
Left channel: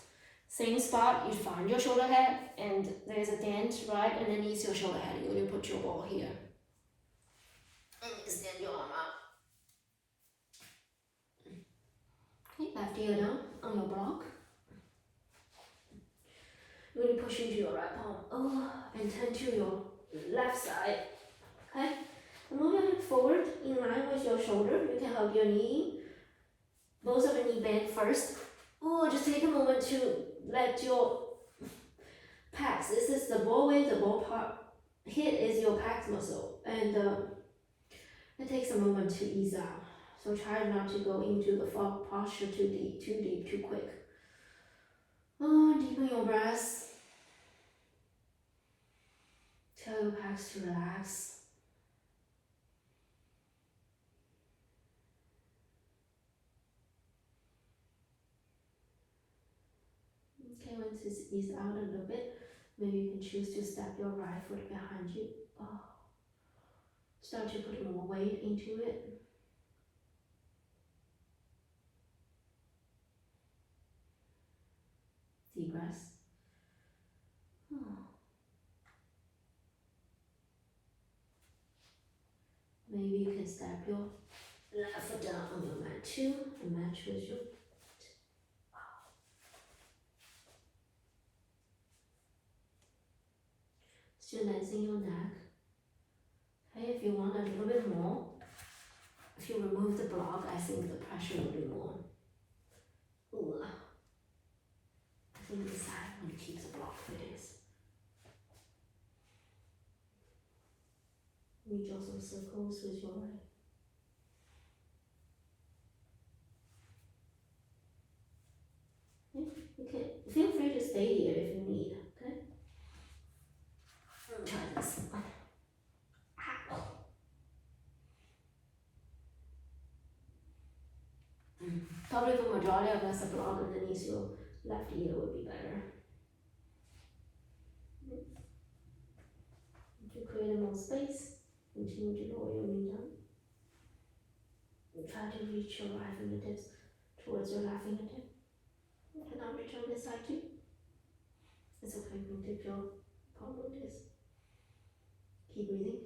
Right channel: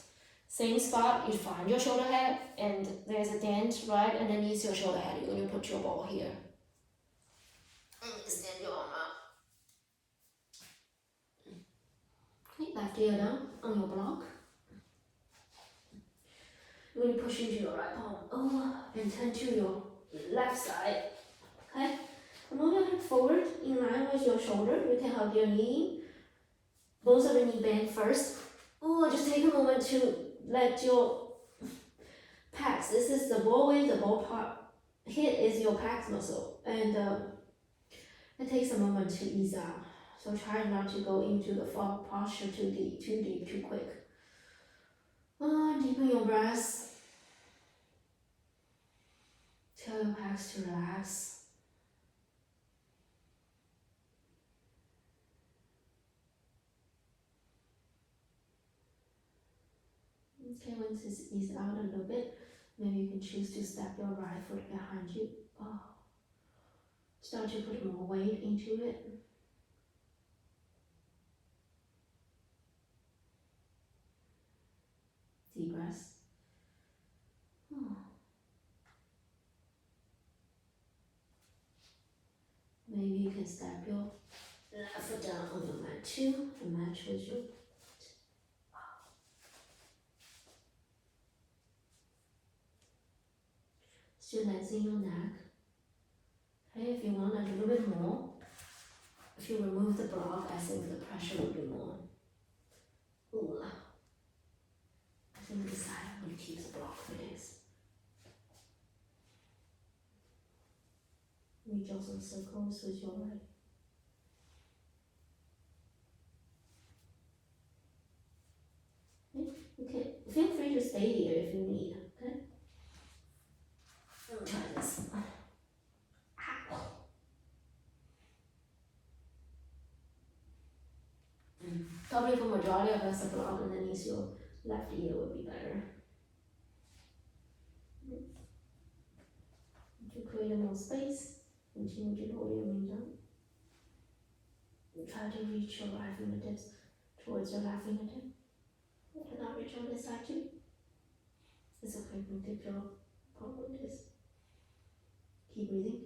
Same spot, you find your shoulder head, and there's a dent right underneath your shoulder head. You're going to put your ball here. And extend your arm out. Okay, left ear down on your block. You're going to push into your right palm over and turn to your left side. Okay? And move your hip forward in line with your shoulder. You can hug your knee. Both of the knee bend first. Ooh, just take a moment to let your pecs. This is the ball width, the ball part. Hit is your pecs muscle, and it takes a moment to ease out. So try not to go into the posture too deep, too quick. Deepen your breath. Tell your pecs to relax. Okay, once it's eased out a little bit, maybe you can choose to step your right foot behind you. Start to put more weight into it. Deep breath. Maybe you can step your left foot down on your mat too and match with your feet. Still lengthening your neck. Okay, if you want a little bit more, if you remove the block, I think the pressure will be more. Ooh. I think this side I'm going to keep the block for this. We draw some circles with your right. Okay, feel free to stay here if you need, okay? Try this. Probably for majority of us, a block underneath your left ear would be better. To create more space, continue to lower your knee down. Try to reach your right fingertips towards your left fingertip. You can now reach on this side too. It's okay, you can dip your palm like this. Keep breathing.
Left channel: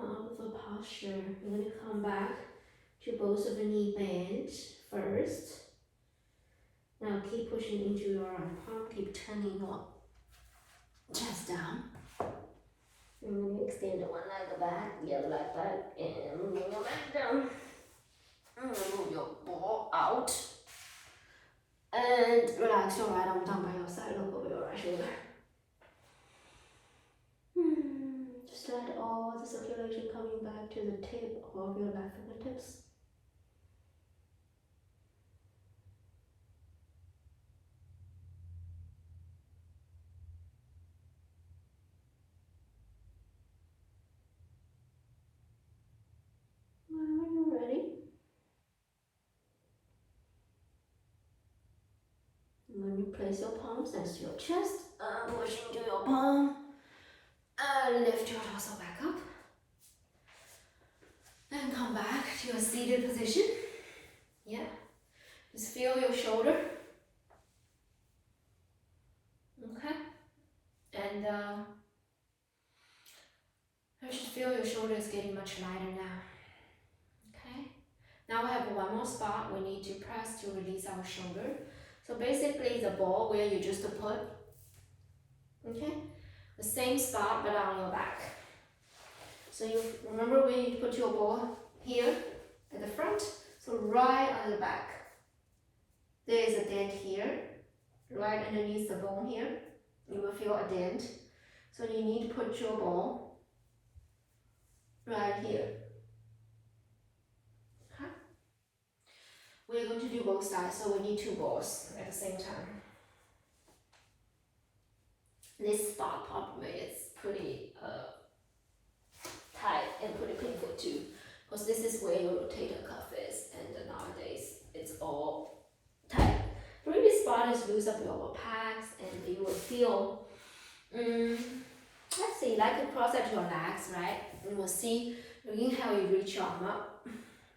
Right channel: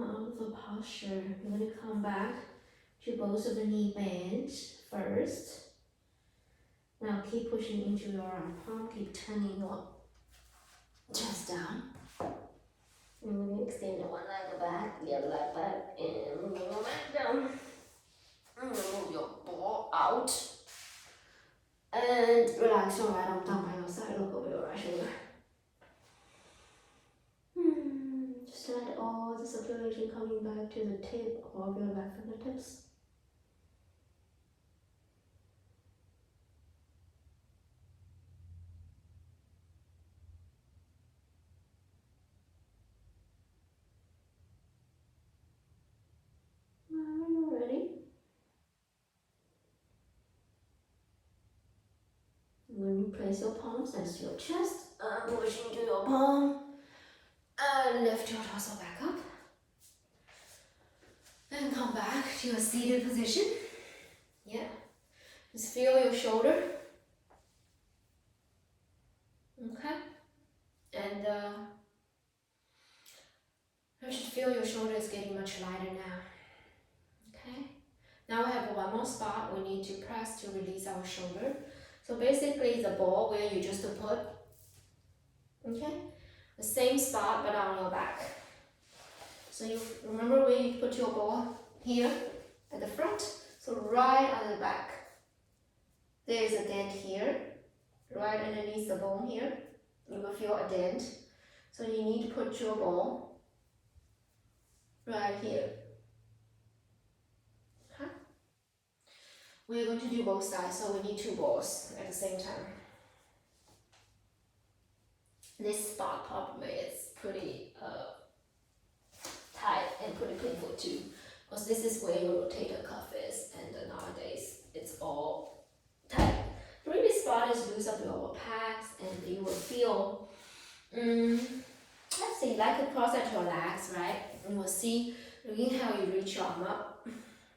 out of a posture. You're going to come back to both of the knee bent first. Now keep pushing into your arm palm, keep turning your chest down. And then extend one leg back, the other leg back, and move your leg down. And move your ball out. And relax your right arm down by your side, look over your right shoulder. Just let all the circulation coming back to the tip of your left fingertips. When you're ready, when you place your palms next to your chest, push into your palm, and lift your torso back up. And come back to your seated position. Yeah. Just feel your shoulder. Okay. And I should feel your shoulder is getting much lighter now. Okay. Now I have one more spot we need to press to release our shoulder. So basically the ball where you just put, okay, the same spot but on your back. So you remember where you put your ball here at the front, so right on the back. There's a dent here, right underneath the bone here. You will feel a dent. So you need to put your ball right here. Okay? We're going to do both sides, so we need two balls at the same time. This spot probably is pretty tight and pretty painful too, because this is where your rotator cuff is, and nowadays it's all tight. Really, this spot is loose up your packs, and you will feel, let's see, like across at your legs, right? You will see, looking how you reach your arm up,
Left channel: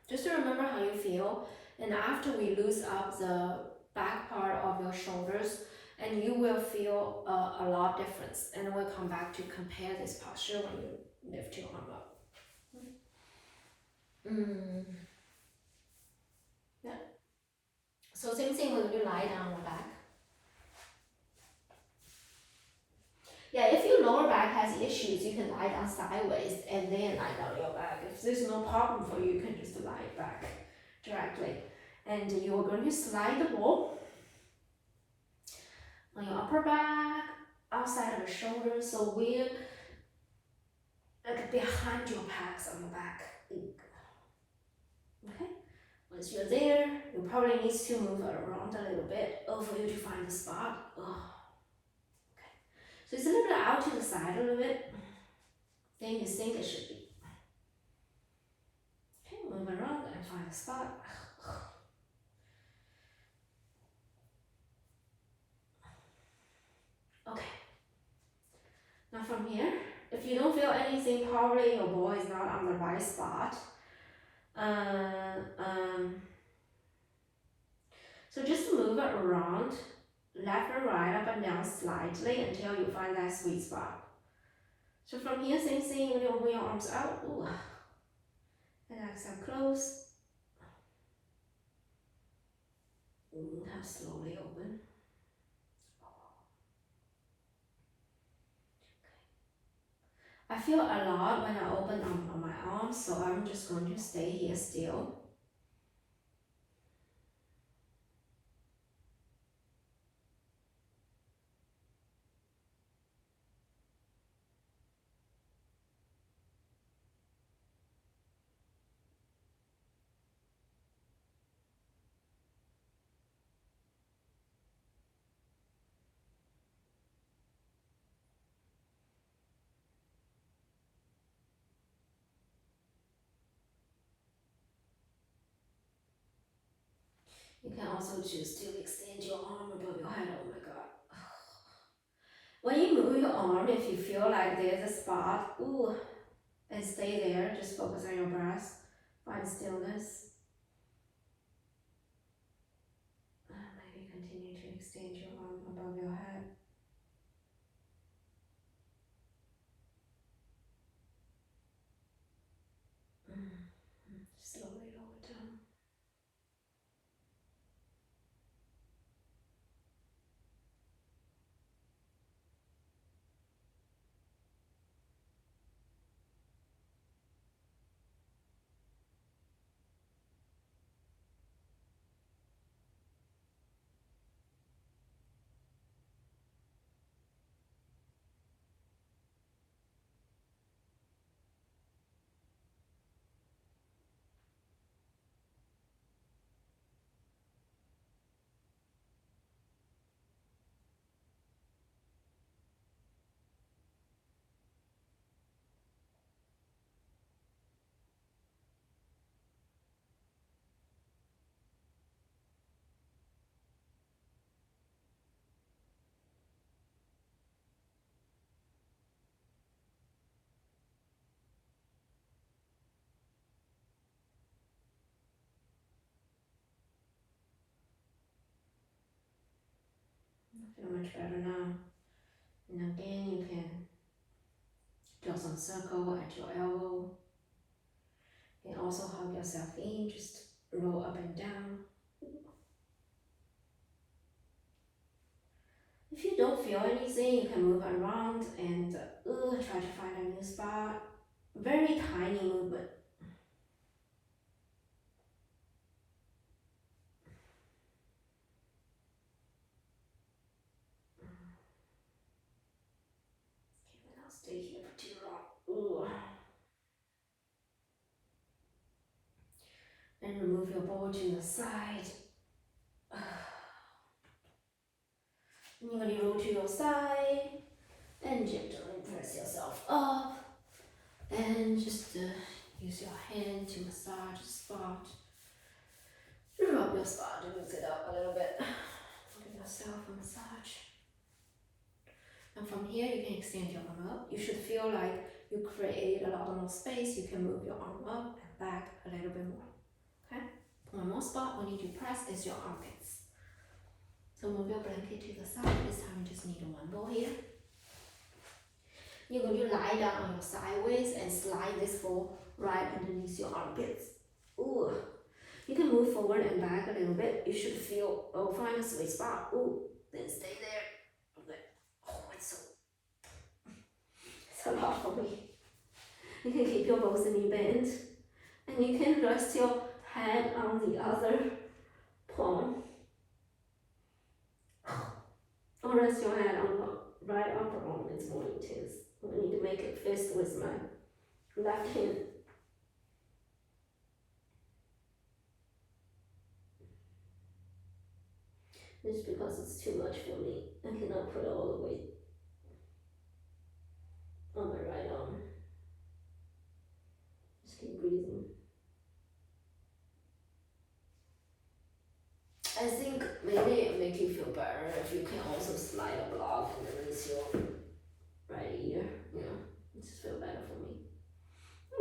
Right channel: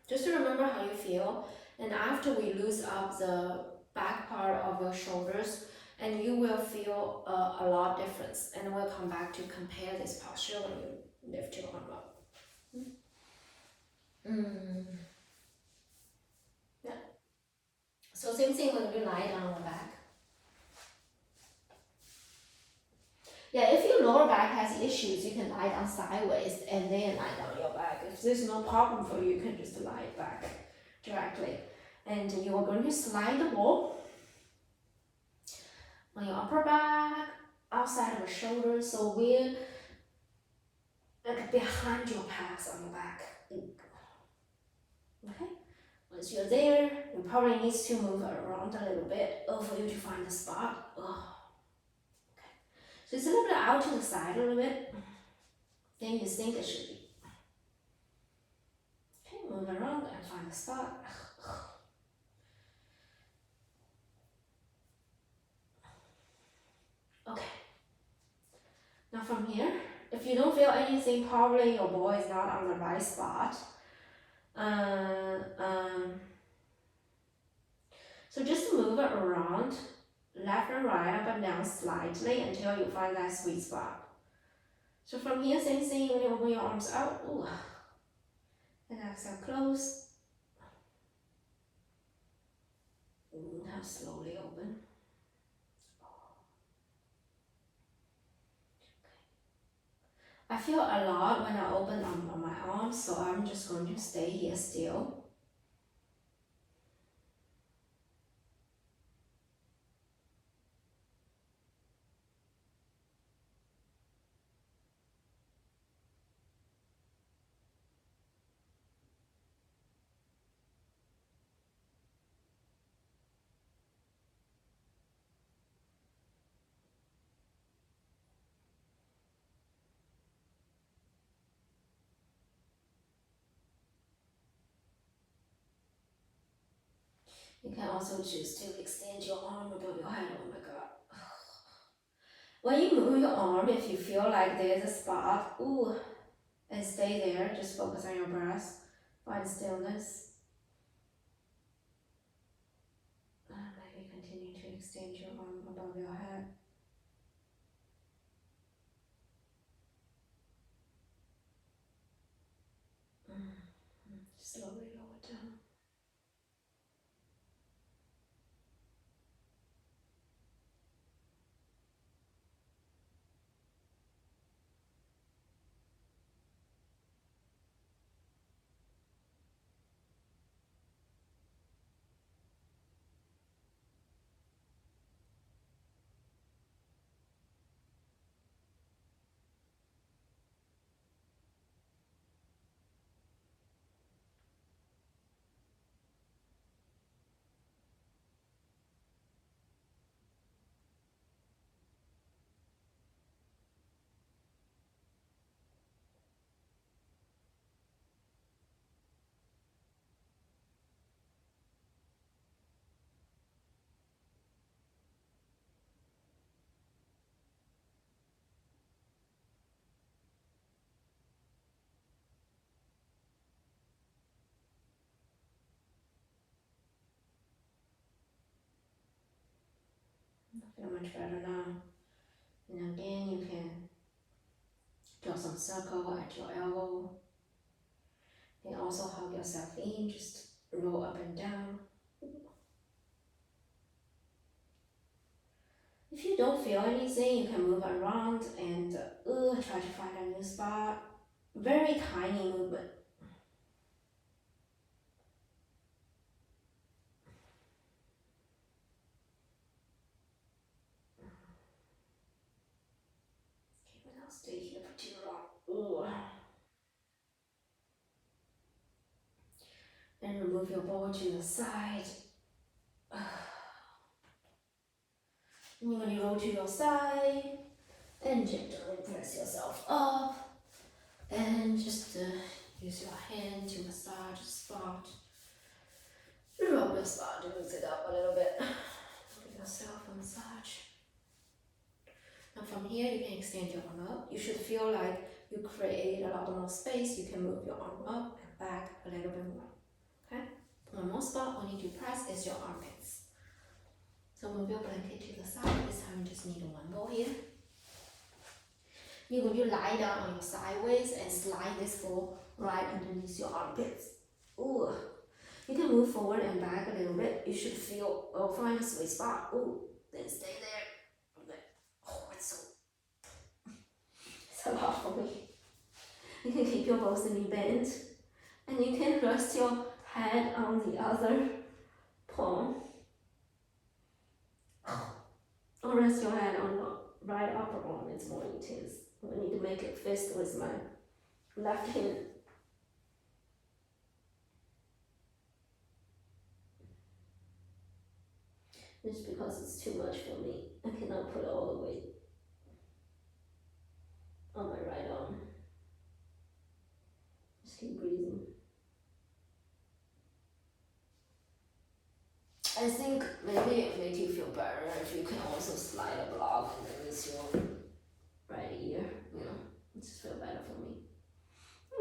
just to remember how you feel. And after we loosen up the back part of your shoulders, and you will feel a lot of difference. And we'll come back to compare this posture when you lift your arm up. Yeah. So same thing when you lie down on the back. Yeah, if your lower back has issues, you can lie down sideways and then lie down your back. If there's no problem for you, you can just lie back directly. And you are going to slide the ball on your upper back, outside of your shoulders, so we're like behind your packs on the back. Okay, once you're there, you probably need to move it around a little bit for you to find the spot. Okay, so it's a little bit out to the side a little bit. Then you think it should be. Okay, move around and find the spot. Okay. Now from here, if you don't feel anything, probably your ball is not on the right spot. So just move it around, left and right, up and down slightly until you find that sweet spot. So from here, same thing, when you open your arms out, ooh, and exhale, close. Now slowly open. I feel a lot when I open on my arms, so I'm just going to stay here still. You can also choose to extend your arm above your head. Oh my god. When you move your arm, if you feel like there's a spot, ooh, and stay there, just focus on your breath, find stillness. Maybe continue to extend your arm above your head. Slowly lower down. I feel much better now. And again, you can draw some circle at your elbow. You can also hug yourself in, just roll up and down. If you don't feel anything, you can move around and try to find a new spot. Very tiny movement. Okay, but I'll stay here for too long. And remove your ball to the side. And you're going to roll to your side and gently press yourself up. And just use your hand to massage the spot. Rub your spot to mix it up a little bit. Give yourself a massage. And from here, you can extend your arm up. You should feel like you create a lot more space. You can move your arm up and back a little bit more. Okay? One more spot we need to press is your armpits. So move your blanket to the side. This time you just need one ball here. You're going to lie down on your sideways and slide this ball right underneath your armpits. Ooh. You can move forward and back a little bit. You should feel, find a sweet spot. Ooh, then stay there. Okay. Oh, it's a lot for me. You can keep your both knee bent, and you can rest your head on the other palm. Or rest your head on the right upper arm. It's more intense. I need to make it fist with my left hand. Just because it's too much for me. I cannot put all the weight on my right arm. Just keep breathing. I think maybe it make you feel better if you can also slide a block underneath your right ear. You know, it just feel better for me.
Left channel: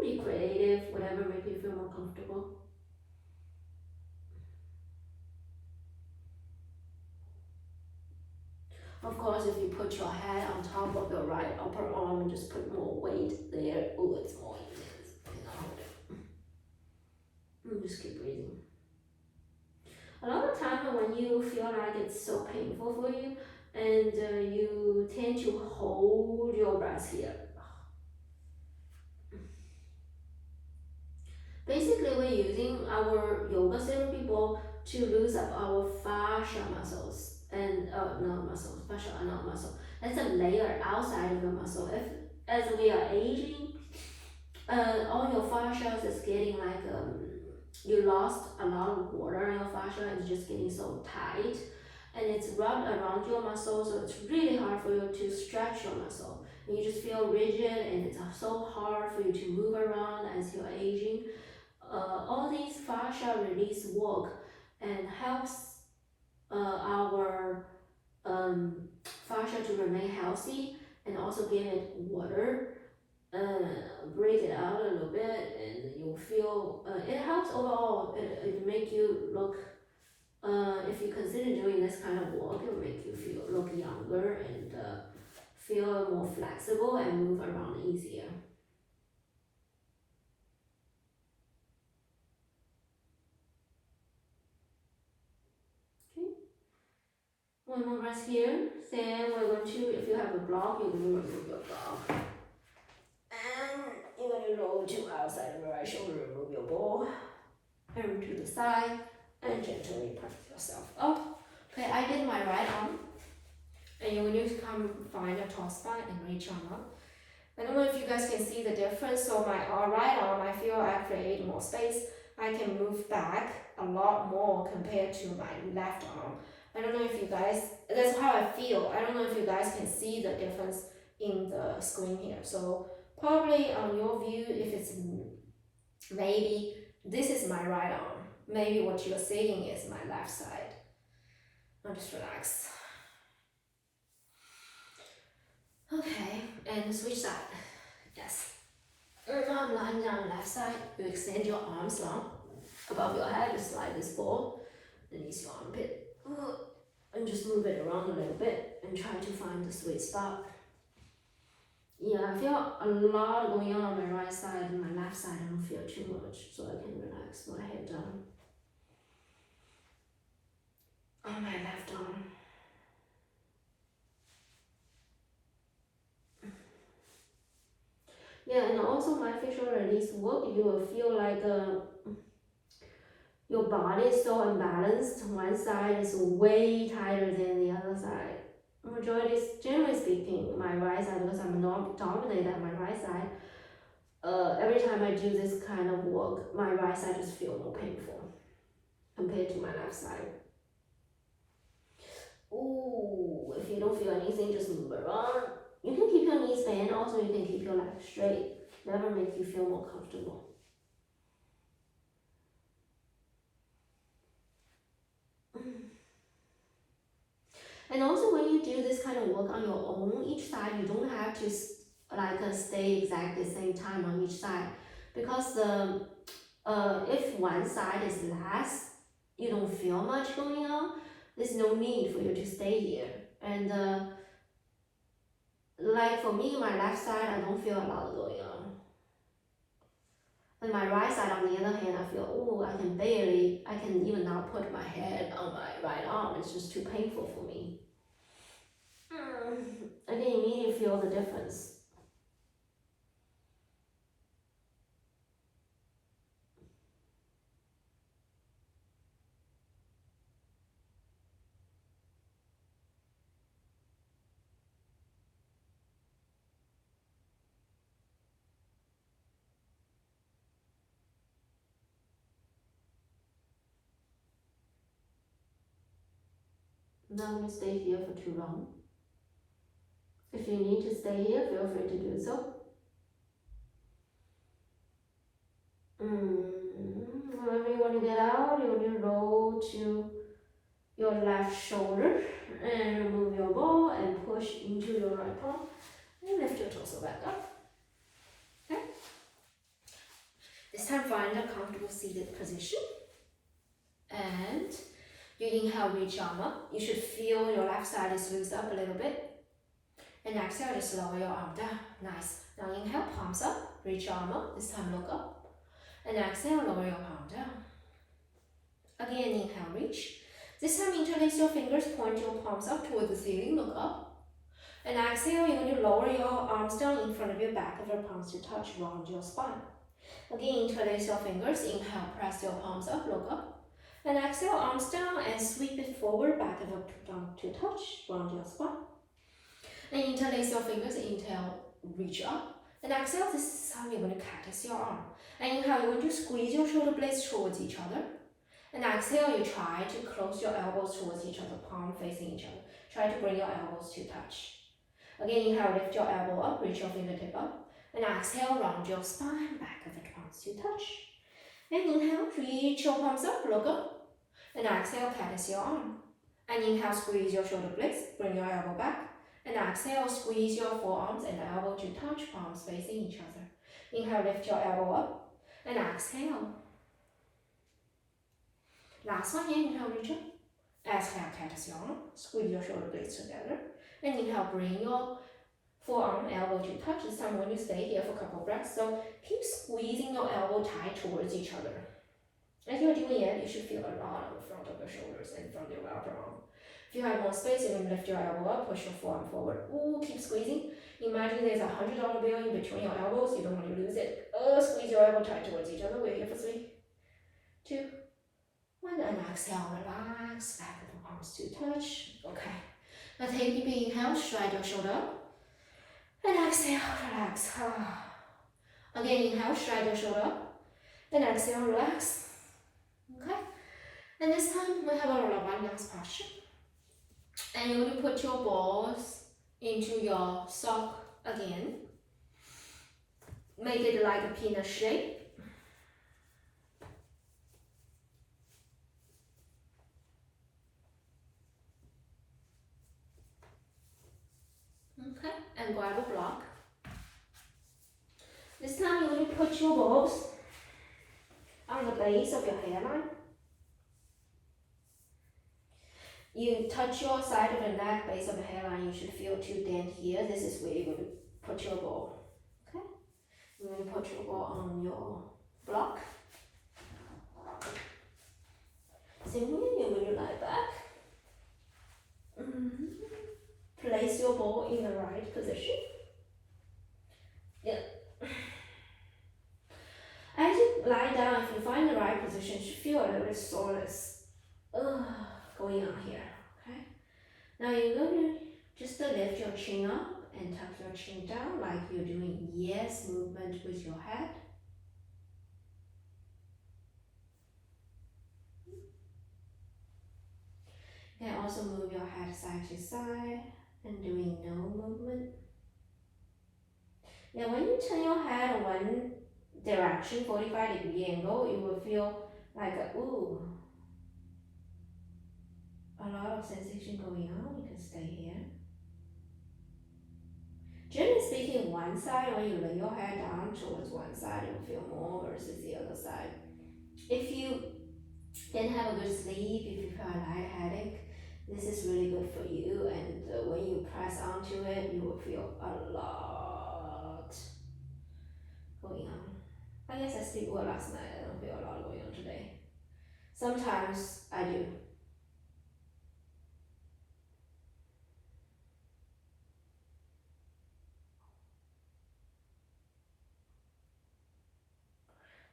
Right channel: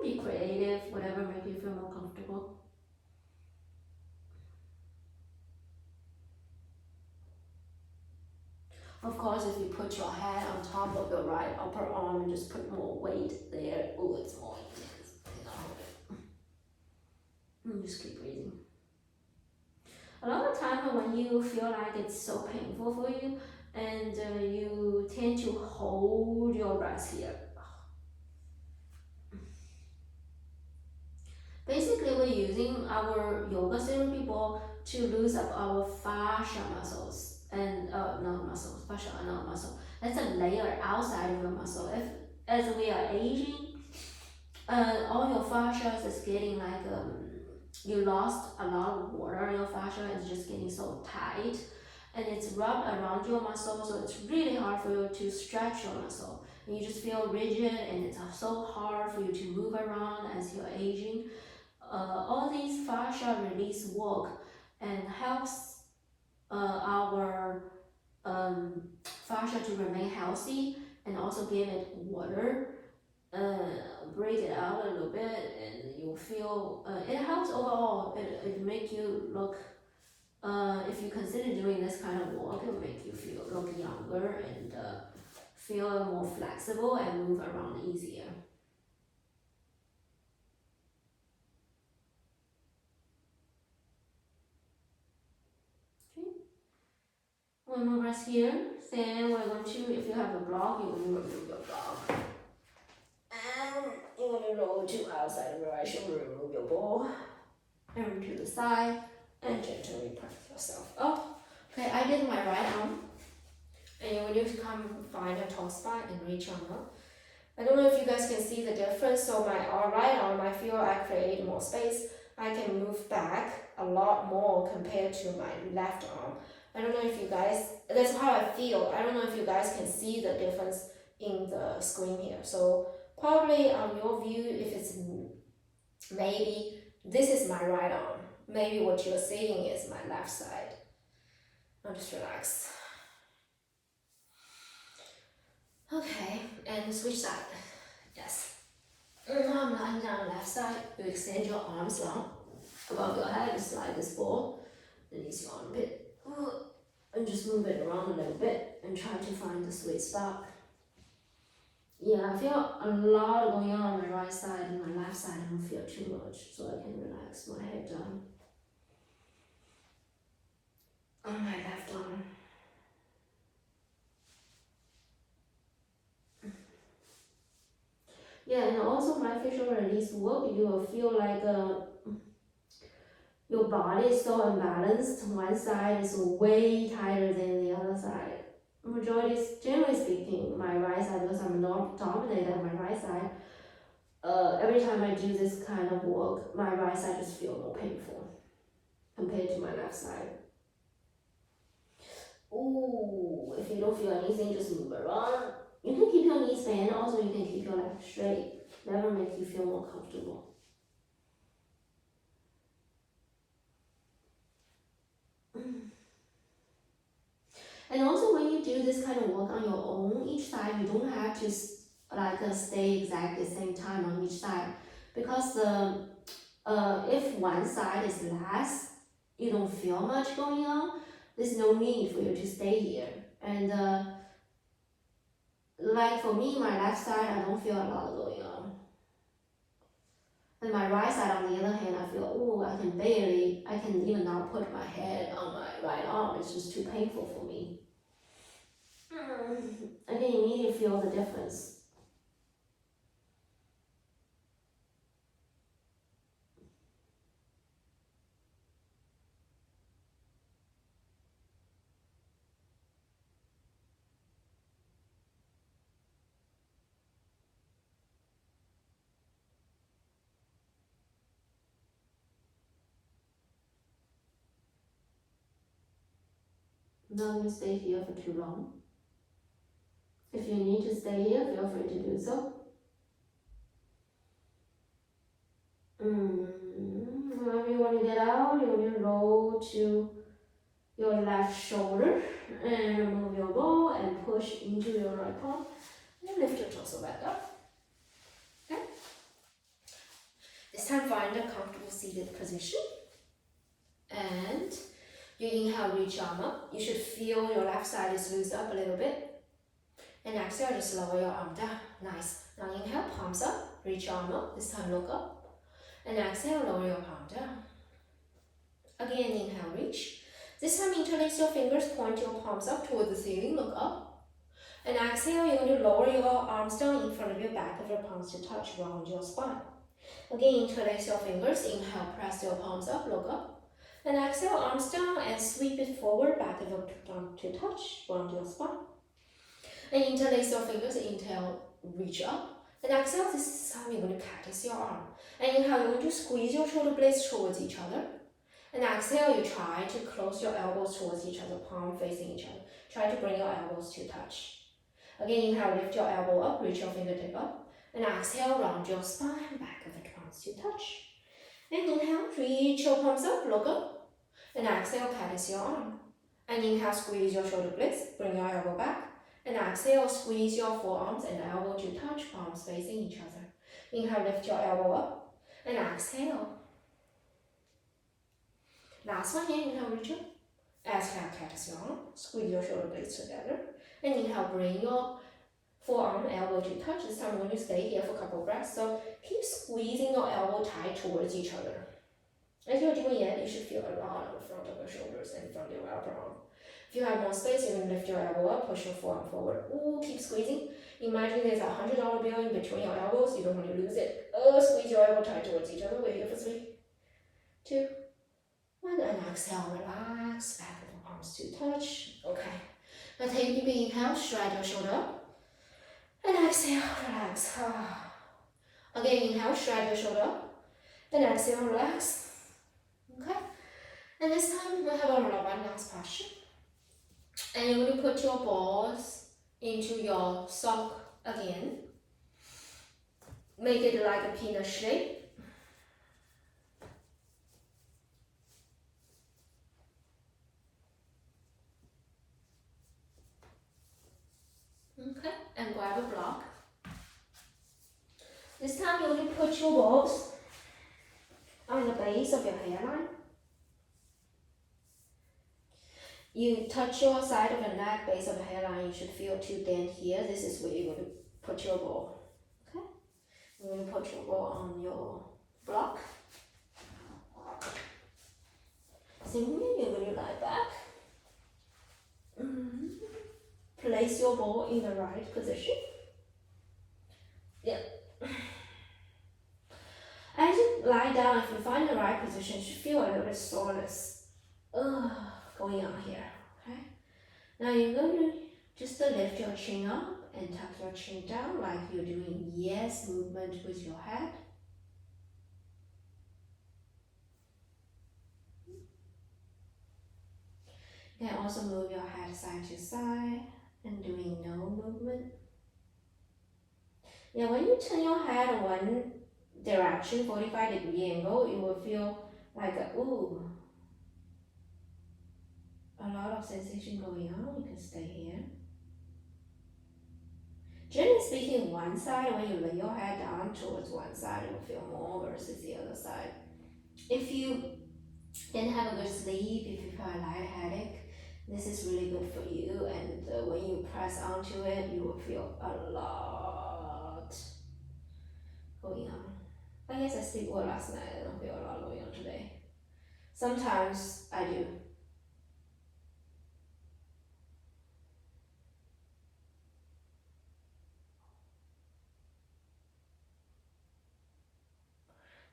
Be creative, whatever make you feel more comfortable. Of course, if you put your head on top of your right upper arm and just put more weight there, oh, it's more intense. And just keep breathing. A lot of time when you feel like it's so painful for you, and you tend to hold your breath here. Basically, we're using our yoga therapy ball to loosen up our fascia muscles and not muscles, fascia are not muscle. That's a layer outside of your muscle. If as we are aging, all your fascia is getting like you lost a lot of water in your fascia and it's just getting so tight, and it's rubbed around your muscle, so it's really hard for you to stretch your muscle. And you just feel rigid, and it's so hard for you to move around as you're aging. All these fascia release work and helps our fascia to remain healthy, and also give it water, break it out a little bit, and you'll feel it helps overall. It make you look, if you consider doing this kind of work, it will make you feel look younger and feel more flexible and move around easier. One more breath here. Then we're going to, if you have a block, you're going to remove your block. And you're going to roll to outside your right shoulder, remove your ball. And to the side. And gently press yourself up. Okay, I did my right arm. And you're going to come find a tall spine and reach on up. I don't know if you guys can see the difference. So my right arm, I feel I create more space. I can move back a lot more compared to my left arm. I don't know if you guys, that's how I feel. I don't know if you guys can see the difference in the screen here. So probably on your view, if it's maybe this is my right arm, maybe what you're seeing is my left side. I'll just relax. Okay, and switch side. Yes. Now I'm lying down left side. You extend your arms long above your head. You slide this ball, release your armpit. And just move it around a little bit and try to find the sweet spot. Yeah, I feel a lot going on my right side and my left side. I don't feel too much, so I can relax my head down. On my left arm. Yeah, and also my facial release work, you will feel like your body is so unbalanced. One side is way tighter than the other side. Majority is, generally speaking, my right side, because I'm not dominant on my right side. Every time I do this kind of work, my right side just feel more painful compared to my left side. Ooh, if you don't feel anything, just move around. You can keep your knees bent, also you can keep your legs straight. Whatever makes you feel more comfortable. And also when you do this kind of work on your own, each side, you don't have to stay exactly the same time on each side. Because if one side is less, you don't feel much going on, there's no need for you to stay here. And like for me, my left side, I don't feel a lot going on. And my right side, on the other hand, I feel, oh, I can even not put my head on my right arm. It's just too painful for me. I can immediately feel the difference. Not going to stay here for too long. If you need to stay here, feel free to do so. Whenever you want to get out, you want to roll to your left shoulder and remove your ball and push into your right palm and lift your torso back up. Okay? This time find a comfortable seated position and you inhale, reach arm up. You should feel your left side is loose up a little bit. And exhale, just lower your arm down. Nice. Now inhale, palms up, reach arm up. This time look up. And exhale, lower your palm down. Again, inhale, reach. This time interlace your fingers, point your palms up toward the ceiling, look up. And exhale, you're going to lower your arms down in front of your back of your palms to touch, round your spine. Again, interlace your fingers, inhale, press your palms up, look up. And exhale, arms down and sweep it forward, back of your palm to touch, round your spine. And interlace your fingers, inhale, reach up. And exhale, this is how you're going to cactus your arm. And inhale, you're going to squeeze your shoulder blades towards each other. And exhale, you try to close your elbows towards each other, palm facing each other. Try to bring your elbows to touch. Again, inhale, lift your elbow up, reach your fingertip up. And exhale, round your spine, back of the palms to touch. And inhale, reach your palms up, look up. And exhale, cactus your arm. And inhale, squeeze your shoulder blades, bring your elbow back. And exhale, squeeze your forearms and elbow to touch, palms facing each other. Inhale, lift your elbow up. And exhale. Last one, inhale, reach up. Exhale, cactus your arm. Squeeze your shoulder blades together. And inhale, bring your forearm, elbow to touch. This time, when you stay here for a couple of breaths, so keep squeezing your elbow tight towards each other. As you're doing it, you should feel a lot on the front of your shoulders and from your upper arm. If you have more space, you can lift your elbow up, push your forearm forward. Ooh, keep squeezing. Imagine there's a $100 bill in between your elbows. You don't want to lose it. Squeeze your elbow tight towards each other. We're here for 3, 2, 1. And exhale, relax. Back of the arms to touch. Okay. Now take a deep inhale, stride your shoulder up. And exhale, relax. Again, inhale, stride your shoulder up. And exhale, relax. Okay. And this time we have our abundance posture. And you're going to put your balls into your sock again. Make it like a peanut shape. Okay, and grab a block. This time you're going to put your balls on the base of your hairline. You touch your side of the neck, base of the hairline. You should feel 2 dent here. This is where you're going to put your ball. Okay, you're going to put your ball on your block. Same here, you're going to lie back. Place your ball in the right position. Yeah. As you lie down, if you find the right position, you should feel a little bit soreness going on here. Okay. Now you're going to just lift your chin up and tuck your chin down like you're doing yes movement with your head. You can also move your head side to side and doing no movement. Now when you turn your head one direction, 45-degree angle, you will feel like a lot of sensation going on. You can stay here. Generally speaking, one side, when you lay your head down towards one side, you will feel more versus the other side. If you didn't have a good sleep, if you feel a light headache, this is really good for you. And when you press onto it, you will feel a lot going on. I guess I sleep well last night. I don't feel a lot going on today. Sometimes I do.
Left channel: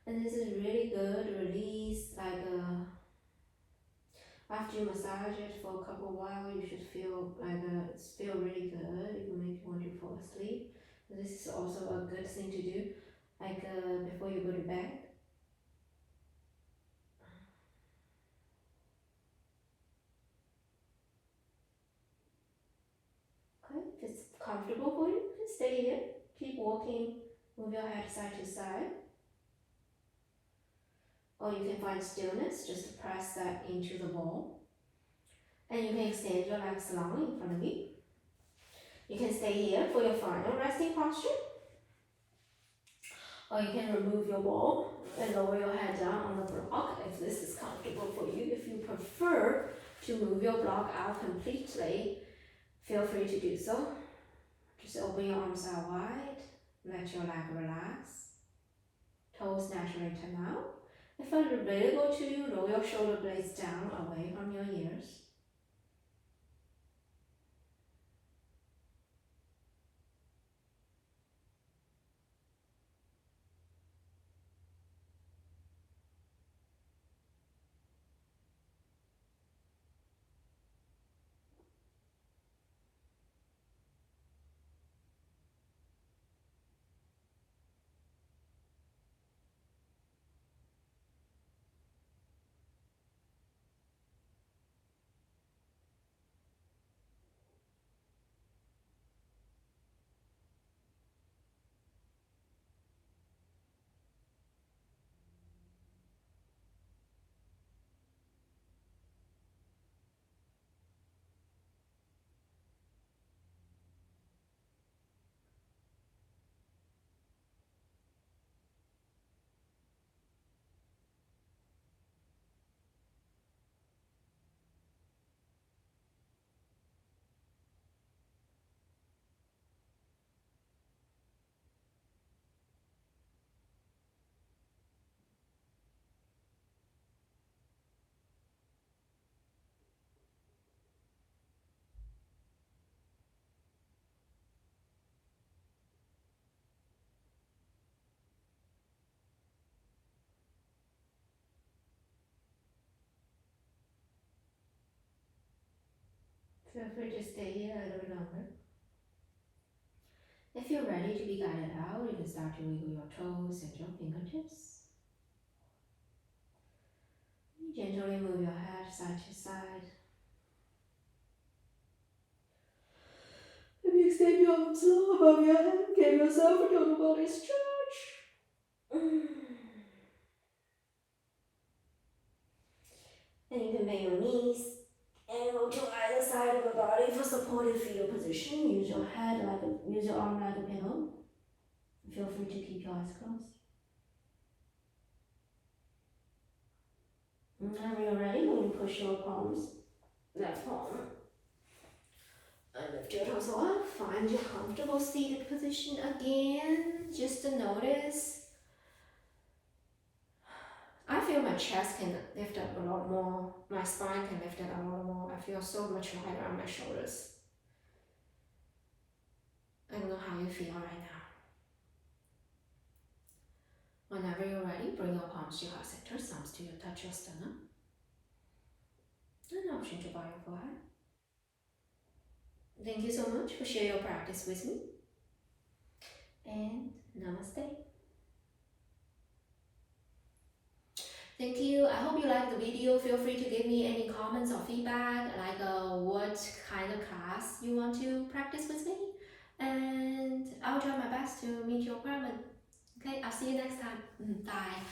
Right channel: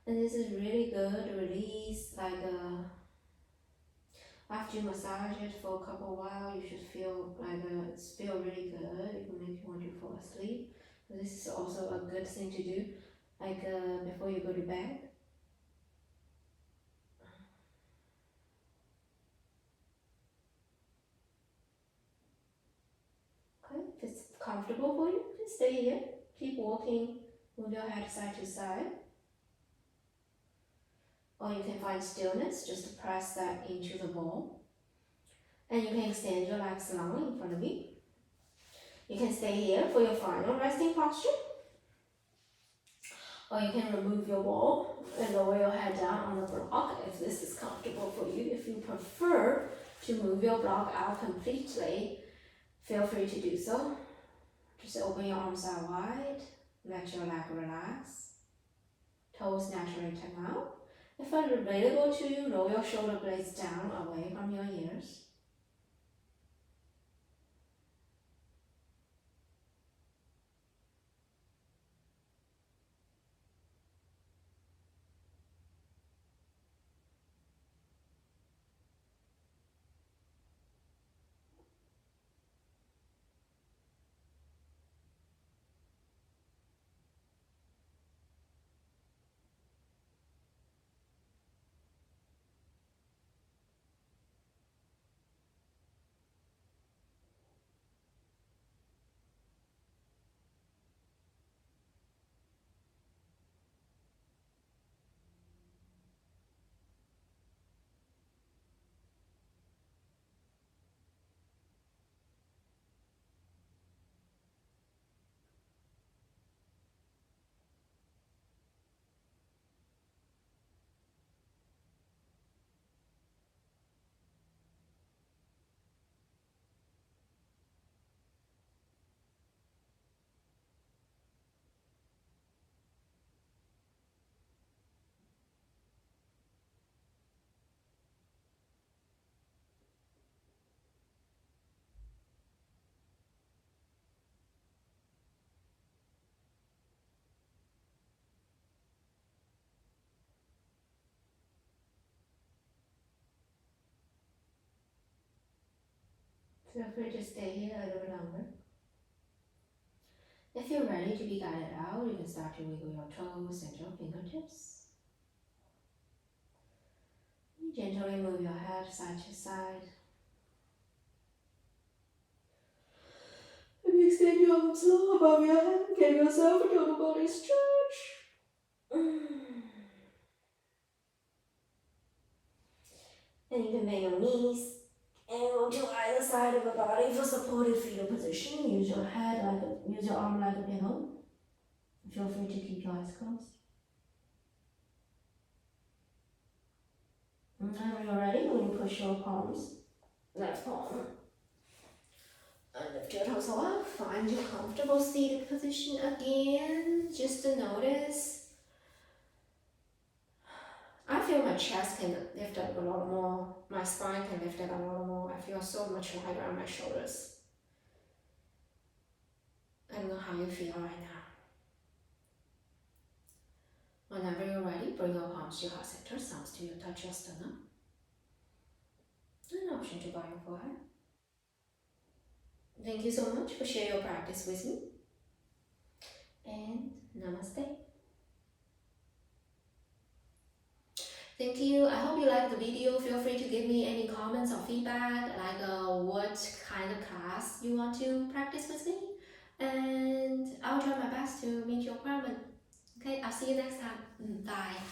And this is really good release, like after you massage it for a couple of while, you should feel like feel really good. It will make you want to fall asleep. So this is also a good thing to do, like before you go to bed. Okay, if it's comfortable for you, just stay here. Keep walking, move your head side to side. Or you can find stillness, just press that into the ball. And you can extend your legs long in front of you. You can stay here for your final resting posture. Or you can remove your ball and lower your head down on the block if this is comfortable for you. If you prefer to move your block out completely, feel free to do so. Just open your arms out wide, let your leg relax, toes naturally turn out. If available to you, roll your shoulder blades down away from your ears. Feel free to stay here a little bit longer. If you're ready to be guided out, you can start to wiggle your toes and your fingertips. Gently move your head side to side. Maybe extend your arms long above your head. Give yourself a total body stretch. And you can bend your knees and go to either side of the body for supported fetal position. Use your arm like a pillow. Feel free to keep your eyes closed. And whenever you're ready, when you push your palms, left palm, and lift your torso up, find your comfortable seated position again. Just to notice, I feel my chest can lift up a lot more, my spine can lift up a lot more. I feel so much lighter on my shoulders. I don't know how you feel right now. Whenever you're ready, bring your palms to your heart center, thumbs to your touch your sternum. And option to bow your forehead. Thank you so much for sharing your practice with me. And namaste. Thank you. I hope you liked the video. Feel free to give me any comments or feedback, like what kind of class you want to practice with me. And I'll try my best to meet your requirement. Okay, I'll see you next time. Bye.